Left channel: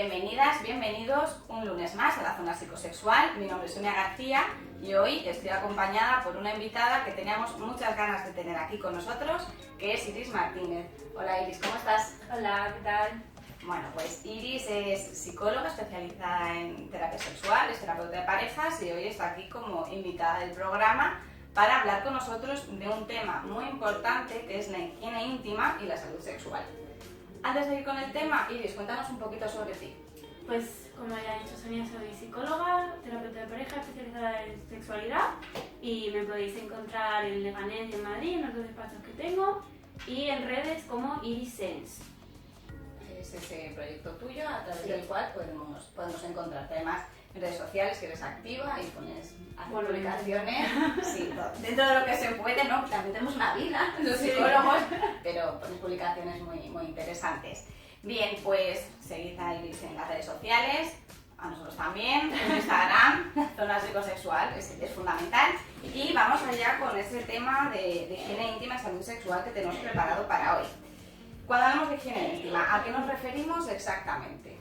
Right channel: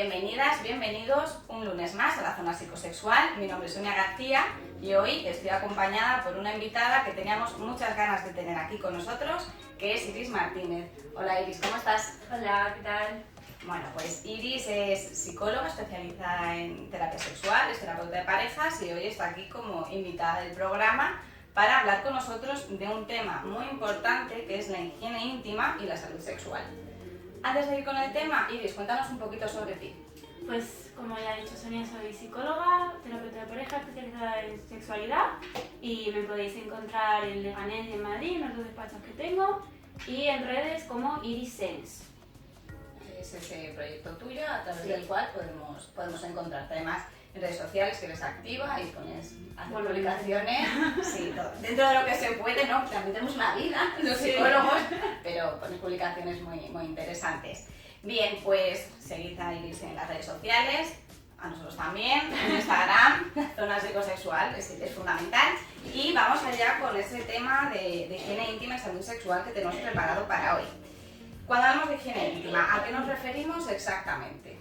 Bienvenidas, bienvenidos un lunes más a la Zona Psicosexual. Mi nombre es Sonia García y hoy estoy acompañada por una invitada que teníamos muchas ganas de tener aquí con nosotros, que es Iris Martínez. Hola Iris, ¿cómo estás? Hola, ¿qué tal? Bueno, pues Iris es psicóloga especializada en terapia sexual, es terapeuta de parejas y hoy está aquí como invitada del programa para hablar con nosotros de un tema muy importante que es la higiene íntima y la salud sexual. Antes de ir con el tema, Iris, cuéntanos un poquito sobre ti. Pues como ya ha dicho Sonia, soy psicóloga, terapeuta de pareja especializada en sexualidad y me podéis encontrar en Leganés y en Madrid, en los dos despachos que tengo, y en redes como Iris Sense. Es ese proyecto tuyo a través del cual podemos encontrarte. Además, en redes sociales que eres activa y pones publicaciones, sí, dentro de lo que se puede, ¿no? También tenemos una vida, los psicólogos, pero pones publicaciones muy interesantes. Bien, pues seguid a Iris en las redes sociales, a nosotros también, en Instagram, Zona Psicosexual, es fundamental. Y vamos allá con ese tema de higiene íntima y salud sexual que tenemos preparado para hoy. Cuando hablamos de higiene íntima, ¿a qué nos referimos exactamente?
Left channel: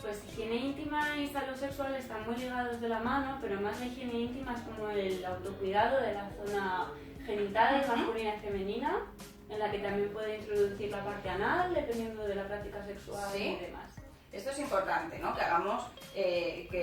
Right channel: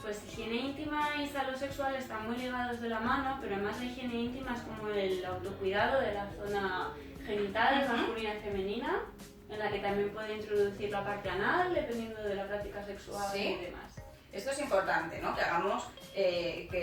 Pues higiene íntima y salud sexual están muy ligados de la mano, pero además la higiene íntima es como el autocuidado de la zona genital, masculina y femenina, en la que también puede introducir la parte anal, dependiendo de la práctica sexual y demás. Esto es importante, ¿no? Que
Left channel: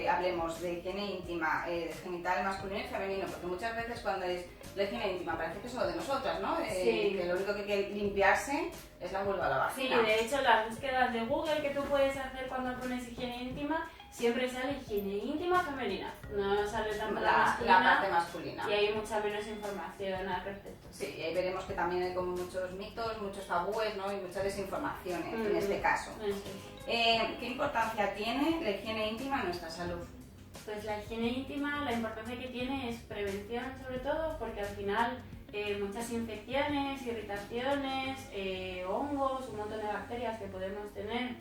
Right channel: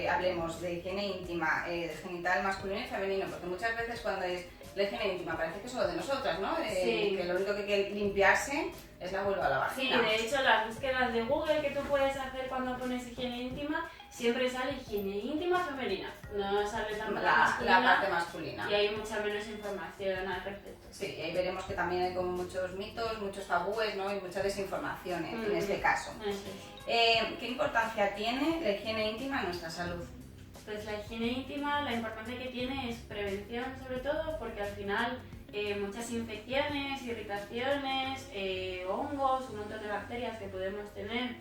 hablemos de higiene íntima, de genital masculino y femenino, porque muchas veces cuando es la higiene íntima parece que es solo de nosotras, ¿no? Que lo único que hay que limpiarse es la vulva o la vagina. Sí, de hecho las búsquedas de Google que tú puedes hacer cuando pones higiene íntima, siempre sale higiene íntima femenina, no sale tanto la parte masculina. Y hay mucha menos información al respecto. Sí, y ahí veremos que también hay como muchos mitos, muchos tabúes, ¿no? Y mucha desinformación en este caso. ¿Qué importancia tiene la higiene íntima en nuestra salud? Pues la higiene íntima, la importancia que tiene es prevención sobre todo, porque al final muchas infecciones, irritaciones, hongos, un montón de bacterias que podemos tener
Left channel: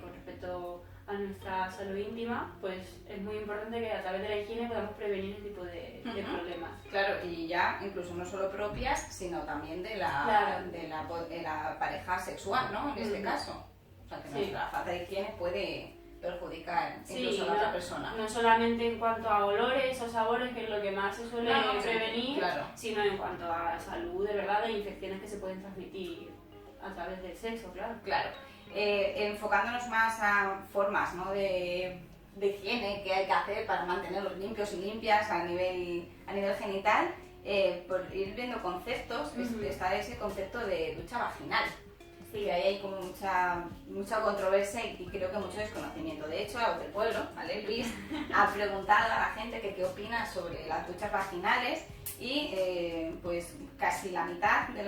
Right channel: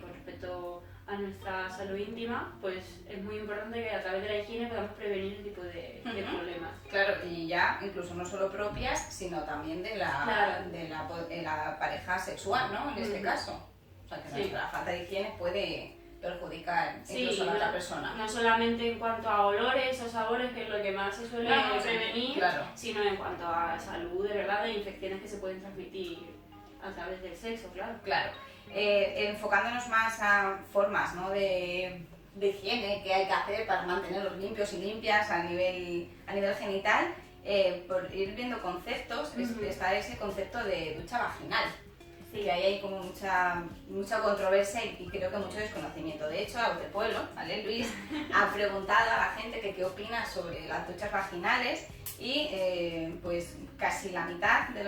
con respecto a nuestra salud íntima, pues es muy importante que a través de la higiene podamos prevenir ese tipo de problemas. Claro, y ya incluso no solo propias, sino también de la pareja sexual, ¿no? En este caso. O sea, que nuestra falta de higiene puede perjudicar incluso a la otra persona. No solamente en cuanto a olores o sabores, que es lo que más se suele prevenir, sino en cuanto a salud, de verdad, de infecciones que se pueden transmitir a través del sexo, claro. Claro. Enfocándonos más a formas, ¿no? de higiene que hay que hacer para mantenerlos limpios y limpias a nivel genital, por ir viendo conceptos, está ese concepto de ducha vaginal. Sí, ahí hay como mucha controversia y creo que mucho desconocimiento. De hecho, la voz del pueblo, ¿vale? Luis ha preguntado a la gente que qué opina sobre las duchas vaginales y pues casi la mitad de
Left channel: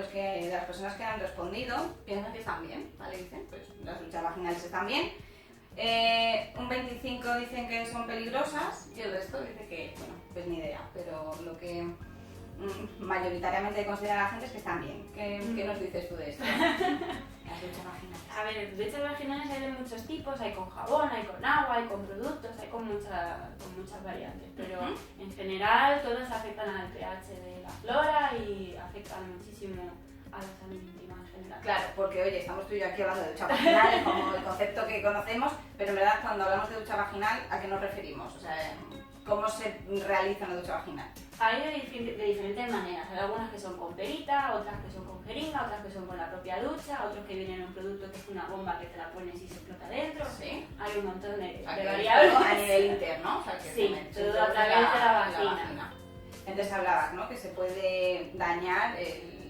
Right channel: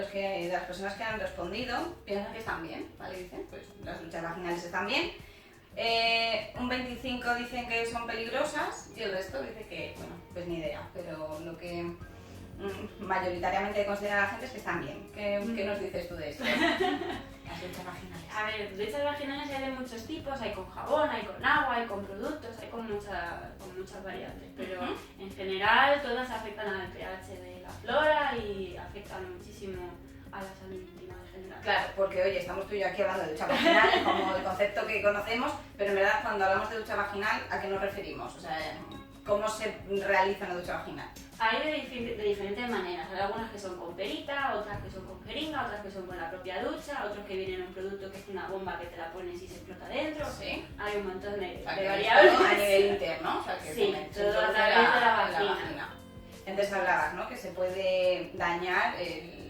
las personas que han respondido piensan que están bien, ¿vale? Dicen, pues las duchas vaginales están bien. Un 25 dicen que son peligrosas y el resto dice que, bueno, pues ni idea, pero lo que mayoritariamente considera la gente es que están bien. ¿Qué nos dices tú de esto? Las duchas vaginales. A ver, duchas vaginales hay de muchos tipos, hay con jabón, hay con agua, hay con productos, hay con muchas variantes, pero en general todas afectan al pH de la flora y afectan muchísimo a la salud íntima en general. Claro, porque oye, estamos tú y yo aquí hablando de ducha vaginal como el concepto que conocemos, pero en verdad cuando hablamos de ducha vaginal, ¿a qué nos referimos? O sea, ¿cómo se realiza una ducha vaginal? Hay de diferentes maneras, hay algunas que son con perita, otras que son con jeringa, otras que son con la propia ducha, otros que vienen en un producto que es una bomba que te la pones y se explota dentro. Sí. Hay un montón de variables. A nivel interno, o sea que sí, todo a través de la vagina. Entonces hablabas, ¿no? Que se puede dañar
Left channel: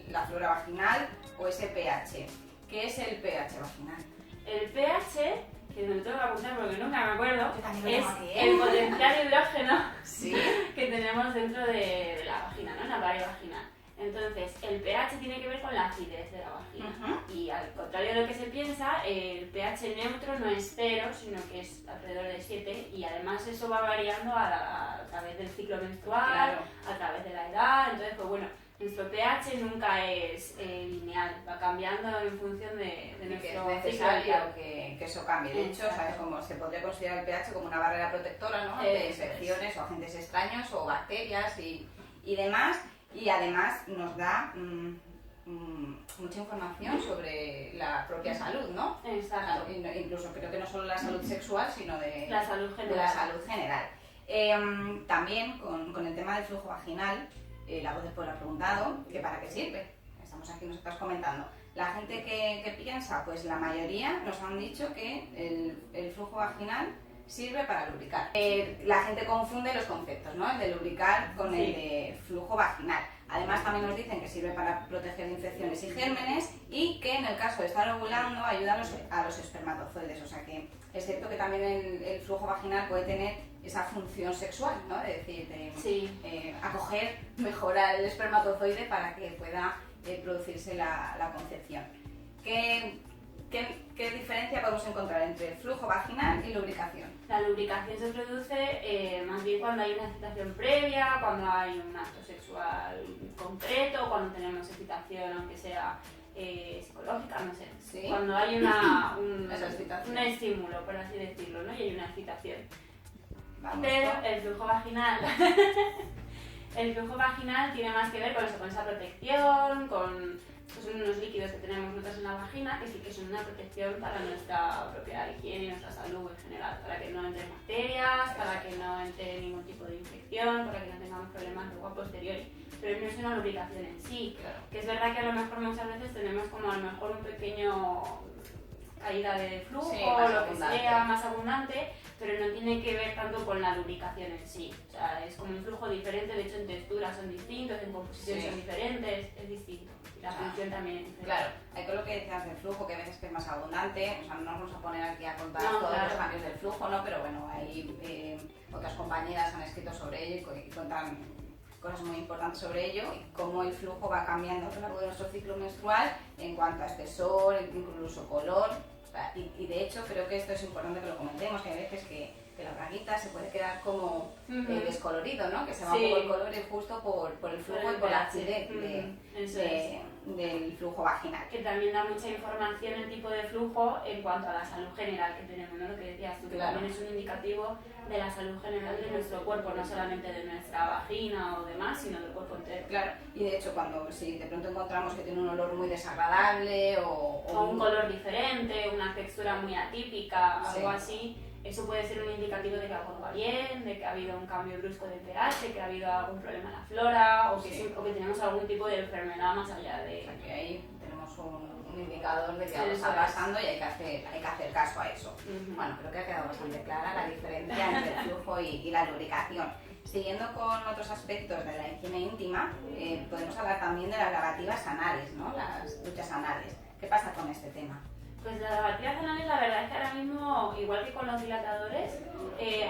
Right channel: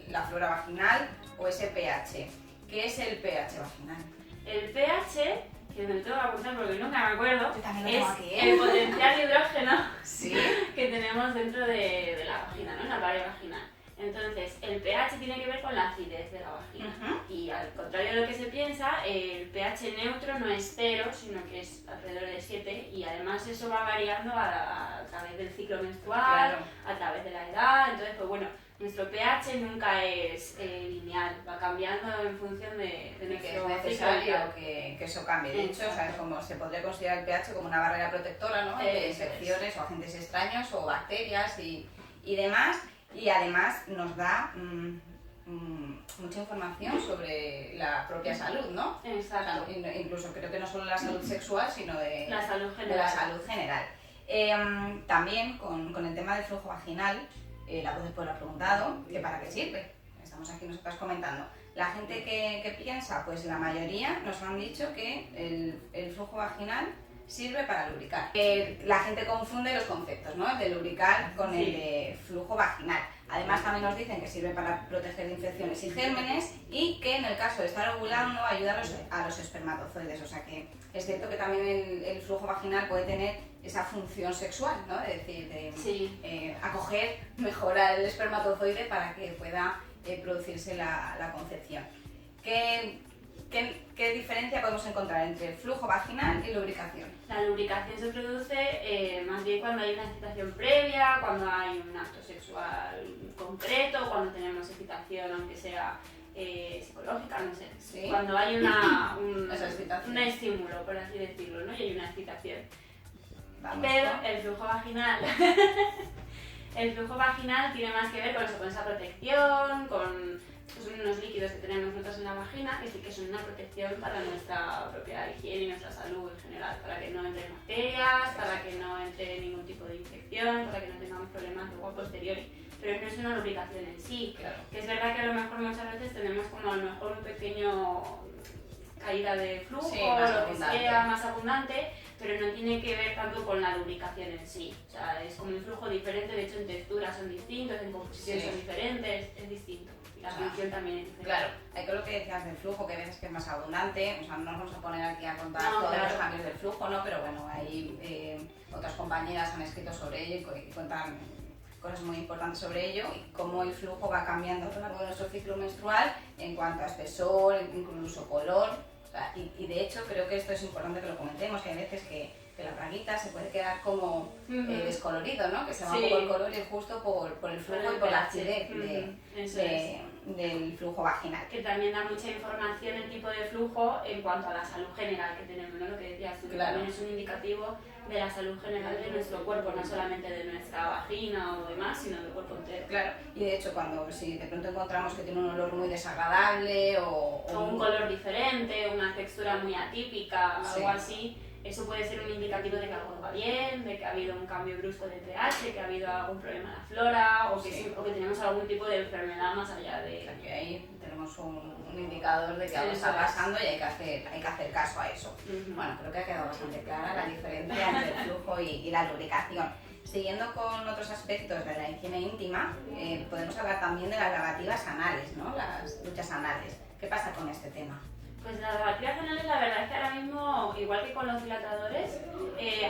la flora vaginal o ese pH. ¿Qué es el pH vaginal? El pH, que me lo tengo que apuntar porque nunca me acuerdo, es el potencial de hidrógeno ¿sí? que tenemos dentro de la vagina, ¿no? En la pared vaginal. Entonces, el pH tiene que ver con la acidez de la vagina. Y al contrario de lo que se piensa, el pH neutro no es 0, sino que es alrededor de 7. Y además eso va variando a través del ciclo menstrual, a través de la edad. Entonces, pues bueno, nuestro pH nunca es lineal, va cambiando en función de nuestro que es necesario que eso cambie. De hecho, ¿sabes? Como se podría considerar el pH como una barrera protectora, ¿no? De infecciones o agentes extraños o bacterias y demás. Y además nos da mucha información sobre la propia salud, ¿no? Exacto. Incluso creo que no solo la salud sexual, sino de la salud general. De la salud general. También con el tema del flujo vaginal, la voz después lo ha preguntado, que para qué sirve. Estamos aquí nosotras comentando. La gente que piensa, pues la mayoría nos han dicho que el flujo vaginal sirve para lubricar. La gente confunde los conceptos, ¿no? El de lubricar con el de flujo vaginal. Además también nos dicen que sirve para proteger de infecciones y gérmenes y que en el caso de estar ovulando ayuda a los espermatozoides. O sea que es cierto que también el flujo vaginal puede tener esa función sexual, ¿no? Es decir, de acoger, mejorar el espermatozoide para que pueda producirse la concepción. ¿Qué diferencia podemos encontrar entre el flujo vaginal y lubricación? La lubricación se produce más bien cuando hay una excitación previa, cuando hay un acto sexual concreto, cuando tenemos excitación aunque sea psicológica, no sé. ¿Sí? Cuando hay un estímulo, por así decirlo, ¿no? Y hay una excitación. Pero el flujo vaginal el flujo vaginal tiene más que ver con eso, con esa protección, con unos líquidos que tenemos nosotros en la vagina que sí que son una protección para nuestra propia higiene y nuestra salud en general, para que no entren bacterias, para que no entre ningún tipo de infección, para que no tengamos problemas luego a posteriori. Pero no es una lubricación en sí, claro. Que es verdad que a lo mejor muchas veces tenemos como a lo mejor un pequeño caída de flujo, o lo que sea, más abundante, pero no tiene que ver tanto con la lubricación en sí. O sea, es como un flujo diferente, de hecho en textura son distintos, en composición son diferentes, es distinto. La función también es diferente. Claro, hay con lo que decías del flujo, que a veces que es más abundante, o sea, no nos vamos a poner aquí a contar todos los cambios del flujo, ¿no? Pero bueno, hay otras compañeras han escrito sobre ello y cuentan cosas muy importantes sobre ello y cómo el flujo va cambiando a lo largo de nuestro ciclo menstrual en cuanto a espesor, incluso color. O sea, y de hecho creo que esto es importante que lo comentemos, que hay veces que la braguita se puede quedar como descolorido, ¿no? Que se va un poco el color y justo por el flujo y por la acidez del flujo vaginal. Que también da mucha información el tipo de flujo en cuanto a la salud general que tenemos, ¿no? Lo que decías tú, que también es un indicativo de la salud general de nuestro cuerpo, no solamente de nuestra vagina o demás, sino del cuerpo entero. Claro, y de hecho si de pronto encontramos que tiene un olor muy desagradable o un color diferente, una textura muy atípica, algo así, eso puede ser un indicativo de que algo va bien, de que ha habido un cambio brusco de pH, que ha habido algún problema en la flora o que tenemos algún tipo de enfermedad más allá de... O sea, que ahí tenemos un indicador de que algo está pasando y hay que hacer caso a eso. Bueno, creo que ha quedado bastante clara la diferencia entre el flujo y la lubricación. Siguiendo con otros aspectos de la higiene íntima, podemos hablar también de las lavativas anales, ¿no? Las duchas anales. ¿Qué pasa con este tema? Pues las lavativas anales, la verdad es que ahora mismo, igual que con los dilatadores,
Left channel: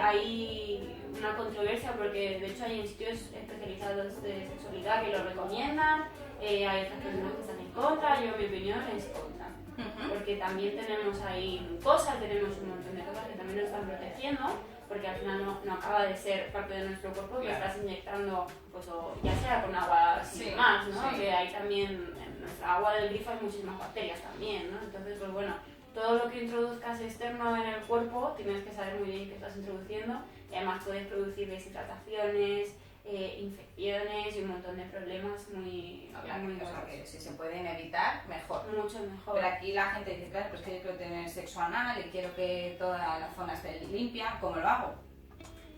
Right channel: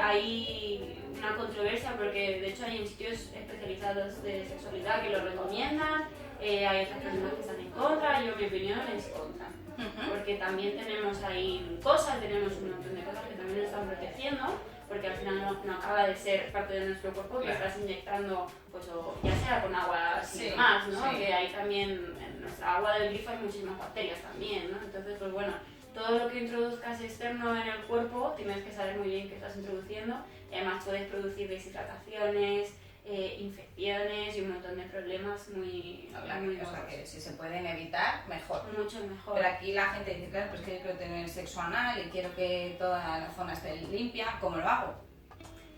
hay una controversia porque de hecho hay institutos especializados de sexualidad que lo recomiendan, hay otras personas que están en contra, yo mi opinión es contra. Porque también tenemos ahí cosas, tenemos un montón de cosas que también nos están protegiendo, porque al final no acaba de ser parte de nuestro cuerpo que estás inyectando, pues, o ya sea con agua sin más, ¿no? Que hay también, en nuestra agua del grifo hay muchísimas bacterias también, ¿no? Entonces, pues bueno, todo lo que introduzcas externo en el cuerpo tienes que saber muy bien qué estás introduciendo y además puedes producir deshidrataciones, infecciones y un montón de problemas muy o sea, que si se pueden evitar, mejor. Mucho mejor. Pero aquí la gente dice, claro, pues que yo quiero tener sexo anal y quiero que toda la zona esté limpia, ¿cómo lo hago?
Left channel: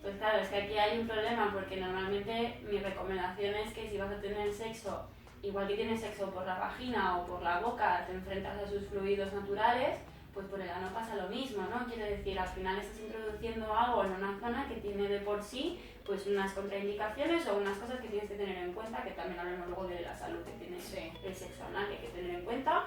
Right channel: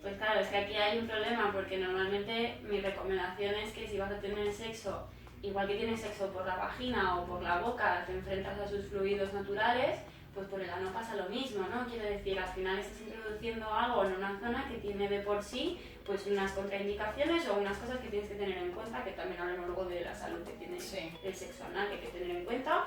Pues claro, es que aquí hay un problema porque normalmente mi recomendación es que si vas a tener sexo, igual que tienes sexo por la vagina o por la boca, te enfrentas a sus fluidos naturales, pues por el ano pasa lo mismo, ¿no? Quiere decir, al final estás introduciendo algo en una zona que tiene de por sí pues unas contraindicaciones o unas cosas que tienes que tener en cuenta, que también hablamos luego de la salud que tiene el sexo anal, que hay que tener en cuenta.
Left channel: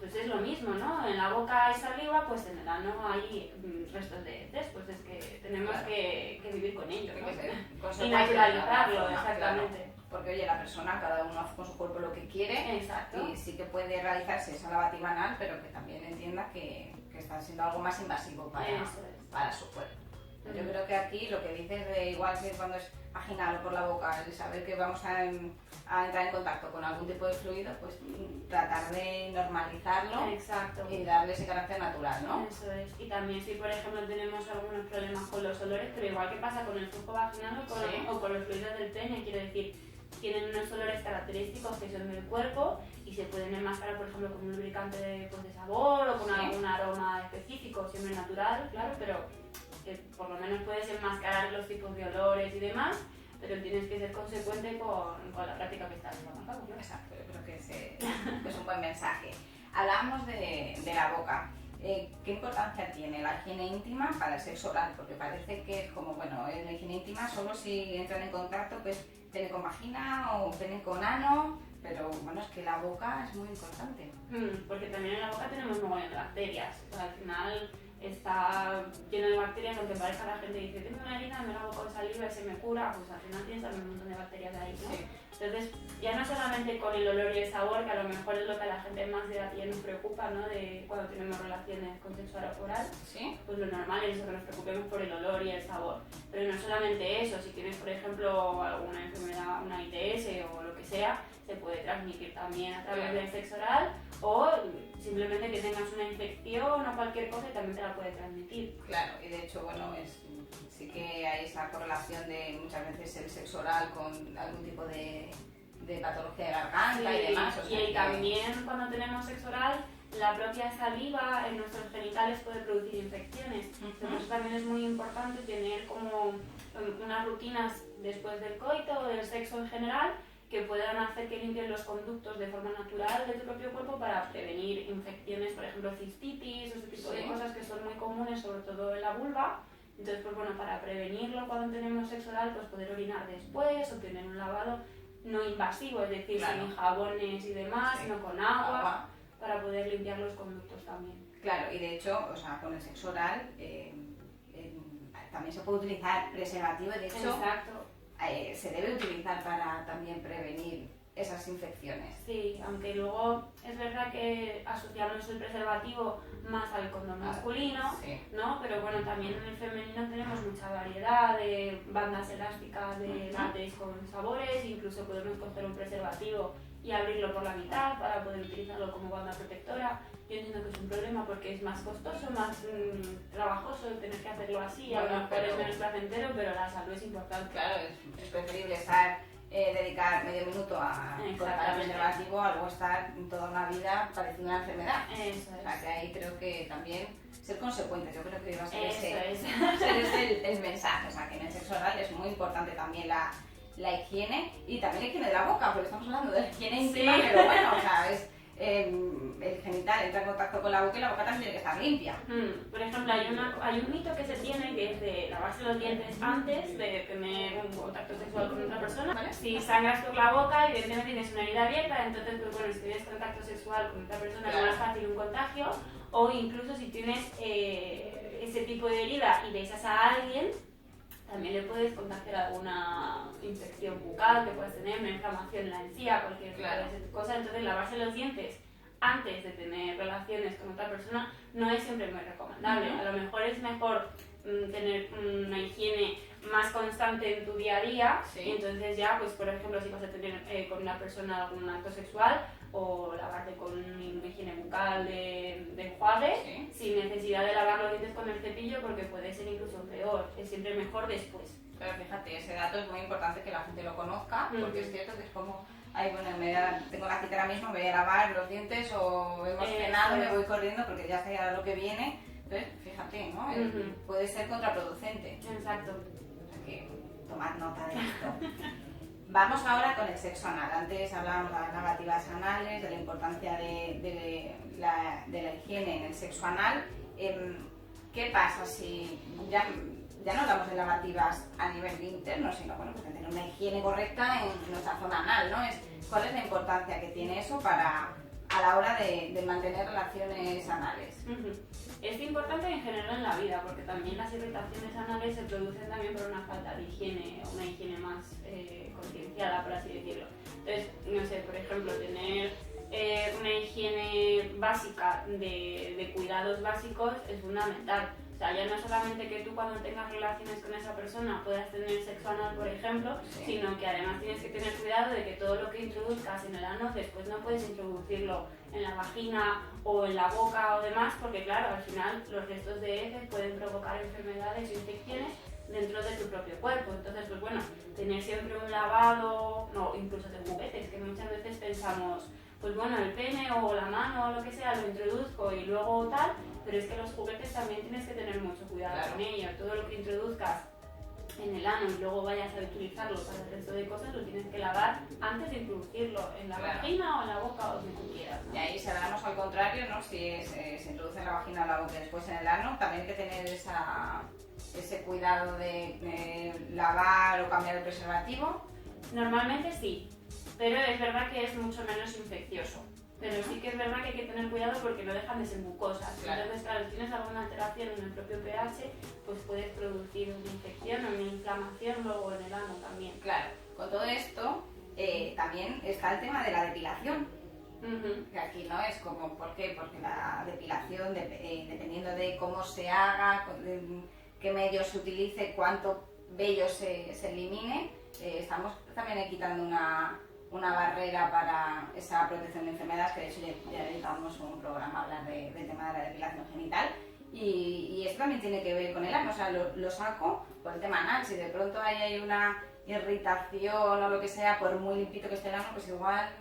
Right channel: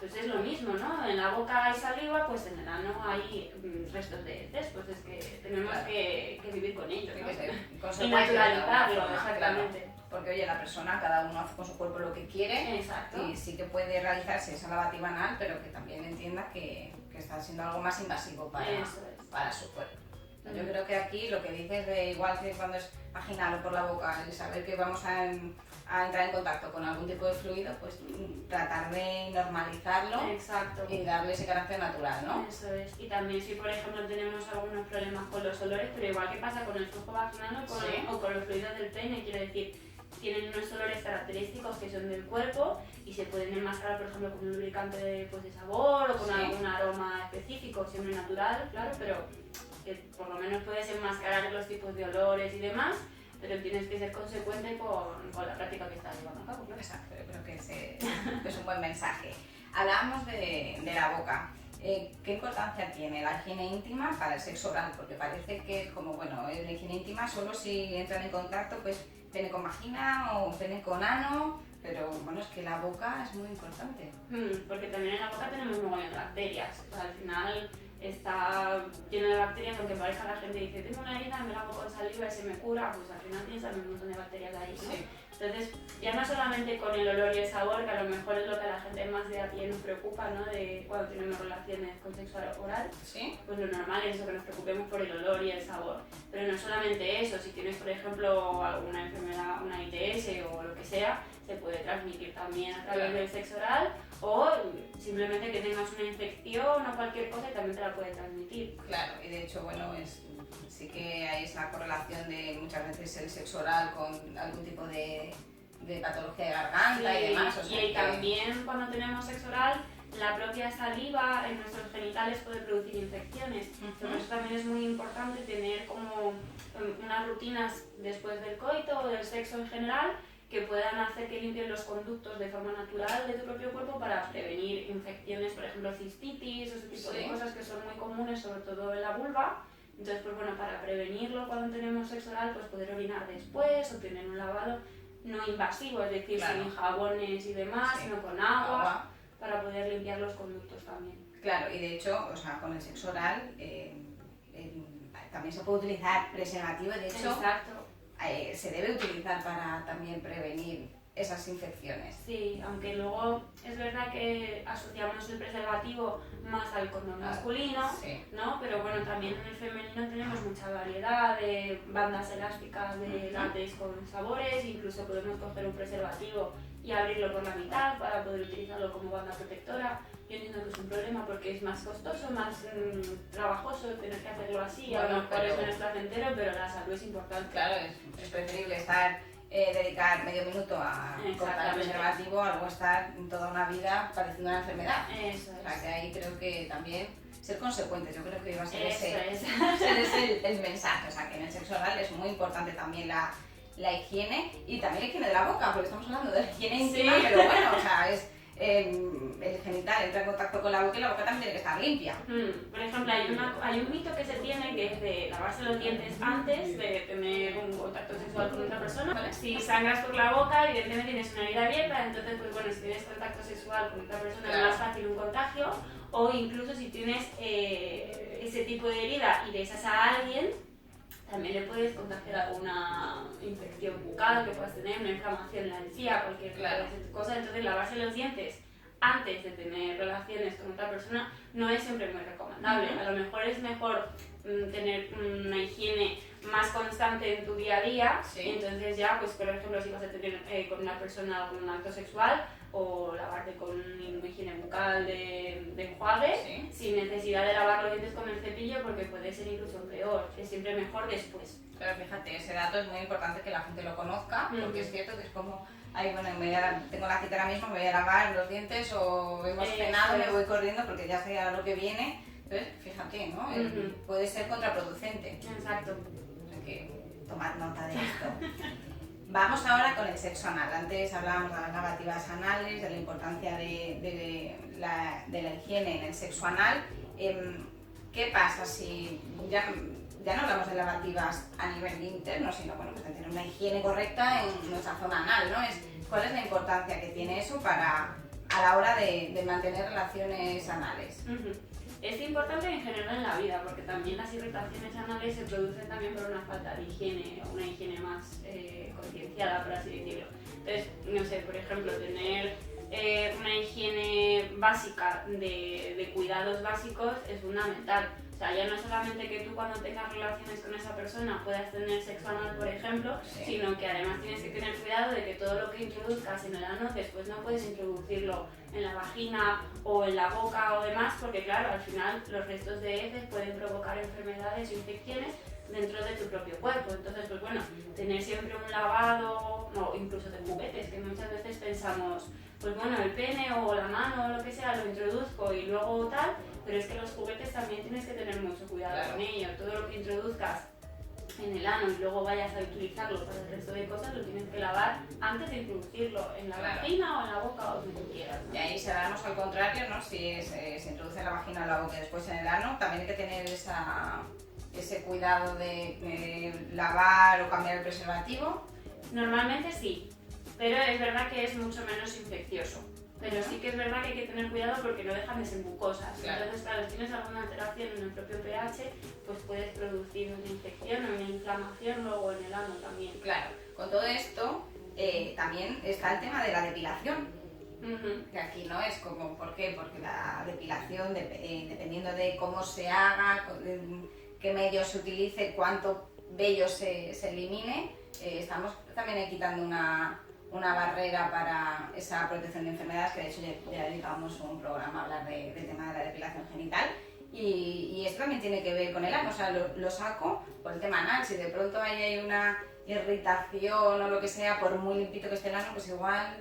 Pues es lo mismo, ¿no? En la boca hay saliva, pues en el ano hay restos de heces, pues es que tenemos que vivir con ello, ¿no? Y naturalizarlo, exactamente. Claro. Porque oye, la persona, cada uno hace con su cuerpo lo que quiere. Exacto. Y sí que puede realizarse esa lavativa anal, pero que también entienda que está siendo algo más invasivo para su cuerpo. Yo creo que aquí lo que dices de igual que cuando es vaginal o por la boca, el saber que vamos a entrar en contacto con algún tipo de fluido, pues tratar de normalizarlo. Exacto. Y darle ese carácter natural, ¿no? Eso es. Y también si por ejemplo tenemos algunos problemas con los olores, pero igual que pasa con el flujo vaginal o con los fluidos del pene, quiero decir, tienen unos olores característicos que son del cuerpo y se pueden enmascarar, por ejemplo, con un lubricante de sabor o con algún aroma específico, siempre natural, claro, pero que por lo menos puedes enmascarar los tipos de olores y demás, pero tienes que ser consecuente con la práctica que estás llevando a cabo, ¿no? Exacto, yo creo que es un buen mensaje. Hablamos de la boca. ¿Qué importancia tiene la higiene íntima para el sexo oral? Porque parece que es como, bueno, la higiene íntima solo si entran en contacto, pues pene con vagina o pene con ano, pero bueno, es que la boca es muy importante. Porque también en la boca tenemos un montón de bacterias, o sea, al final está lleno de bacterias, aunque parezca la gente dice, tengo una herida, me la hago con saliva y se me cura, pues al final tienes también un montón de bacterias ahí, ¿no? Sí. Entonces, ya no solamente con el olor y el sabor, que a lo mejor es lo que a la gente más de a pie nos preocupa, ¿no? De cuando tenemos relaciones con sexo oral, ¿Sí? pues lo normal es eso, que nos preocupemos por el olor y el sabor. Pero no solamente eso, si tienes, por ejemplo, alguna enfermedad, una ITS o lo que sea, se puede transmitir también a través del sexo oral, o simplemente que tengas una infección o cualquier cosa y también te la puede transmitir. Claro, y de hecho, bueno, sí que hay esa correlación de muchas veces el sexo oral con algún tipo de patología de garganta y demás. O sea, y también cuando tenemos sexo oral, la propia saliva en nuestros genitales puede producir infecciones. Por eso también es muy importante tener como unas rutinas después del coito o del sexo en general que puedan hacer que limpien los conductos de forma natural de tu propio cuerpo para prevenir infecciones, por ejemplo cistitis o ese tipo de cosas que son muy comunes, sobre todo en la vulva. Entonces, pues bueno, para prevenirlo cuando tenemos sexo oral, pues poder orinar después o tener un lavado no invasivo, es decir, sin jabones y demás, sino con agua, para poder limpiar los conductos también. Claro, y de hecho, o sea, con el sexo oral también se puede utilizar preservativo, de hecho, se debe utilizar para también prevenir esas infecciones. Sí, aunque luego es verdad que asociamos el preservativo más al condón masculino, ¿no? Pero bueno, también en el femenino tenemos mucha variedad de bandas elásticas de látex con sabores, incluso podemos coger un preservativo y abrirlo por la mitad para poder utilizarlo como banda protectora. Yo entiendo que es un problema porque es más costoso, más trabajoso tener que hacerlo así, a lo mejor es menos placentero, pero la salud es importante. Claro, es preferible dedicar medio minuto a cortar el preservativo a luego estar toda una vida padeciendo una enfermedad. Eso es. O sea que ahí creo que también ser consecuentes, yo creo que iba a ser ese el mensaje. O sea que en el sexo oral es muy importante también la higiene y también la higiene de la boca, porque estamos hablando de la higiene íntima, pero bueno, o sea, el genital entra en contacto con la boca y la boca también tiene que estar limpia. Por ejemplo, hay un mito que se tiene que es de lavarse los dientes antes de tener un contacto sexual con otra persona. ¿Vale? Si sangras por la boca, evidentemente tienes una herida abierta, entonces pues bueno, si tienes contacto sexual con otra persona es más fácil un contagio, o incluso si tienes ese tipo de herida y besas a alguien, también le puedes contagiar alguna infección bucal que puedas tener, una inflamación en la encía, cualquier cosa. Entonces, lavarse los dientes antes de tener relaciones con otra persona no es siempre muy recomendable. A lo mejor es mejor tener una higiene más constante en tu día a día. Entonces ya, pues por ejemplo, si vas a tener con una persona algún acto sexual, o lavarte con una higiene bucal de enjuague, sin necesidad de lavar los dientes con el cepillo, porque puede ser incluso peor. Es siempre mejor después. Pero fíjate, ese dato es muy importante que la gente lo conozca, porque es cierto que es como, ay, bueno, tengo la cita ahora mismo, me voy a lavar los dientes o hemos cenado y me voy corriendo porque ya sé a lo que viene. Entonces, fíjate, ¿no? Puede ser contraproducente. Exacto. Hay que tomar nota de esto. Vamos ahora con el sexo anal. Antes hablábamos de las lavativas anales, de la importancia de la higiene en el sexo anal. ¿Qué pasa si ya no hablamos de lavativas a nivel interno, sino bueno, pues de tener una higiene correcta en nuestra zona anal, ¿no? ¿Cuál es la importancia que tiene eso a la hora de mantener relaciones anales? Es importante en general en la vida, porque también las irritaciones anales se producen también por una falta de higiene, o una higiene más concienciada, por así decirlo. Entonces, no sé, por ejemplo, tener una higiene básica de cuidados básicos es fundamental. O sea, ya no solamente que tú cuando tengas relaciones con esa persona puedas tener sexo anal, por ejemplo, sino que además tienes que tener cuidado de que todo lo que introduzcas en el ano después no puedes introducirlo en la vagina o en la boca o demás, porque claro, al final los restos de heces pueden provocar enfermedades o infecciones dentro de tu propio cuerpo. Entonces, pues bueno, tener siempre un lavado, no, incluso de juguetes, que muchas veces pensamos, pues bueno, el pene o la mano o lo que sea lo introduzco y luego tal, pero es que los juguetes también tienes que tener mucho cuidado con ellos. Todo lo que introduzcas en el ano y luego vayas a utilizarlo para el resto de cosas, lo tienes que lavar antes de introducirlo en la vagina o en la boca o donde tú quieras, ¿no? Y ahí si hablamos al contrario, ¿no? Si se introduce en la vagina o la boca y después en el ano, también hay que tener ese cuidado de lavar o cambiar el preservativo. Normalmente sí, pero es verdad que es mucho menos infeccioso. Pero sí que es verdad que hay que tener cuidado porque no dejan de ser mucosas. Claro. Entonces, claro, si tienes alguna alteración en el propio pH, pues puedes producir una infección o una inflamación luego en el ano también. Claro, con todo esto también está el tema de la depilación. Que aquí no es como, ¿por qué? Porque la depilación, dependiendo de cómo se haga, qué medios se utilice, cuánto vello se elimine, estamos también quitando una barrera para esa protección de enfermedades, que de hecho ya dedicamos un programa a hablar del tema de la depilación genital. Y esto también tiene que ver con el ano, o sea, lo saco por el tema anal. Si de pronto hay una irritación o lo que sea, por muy limpito que esté el ano, pues igual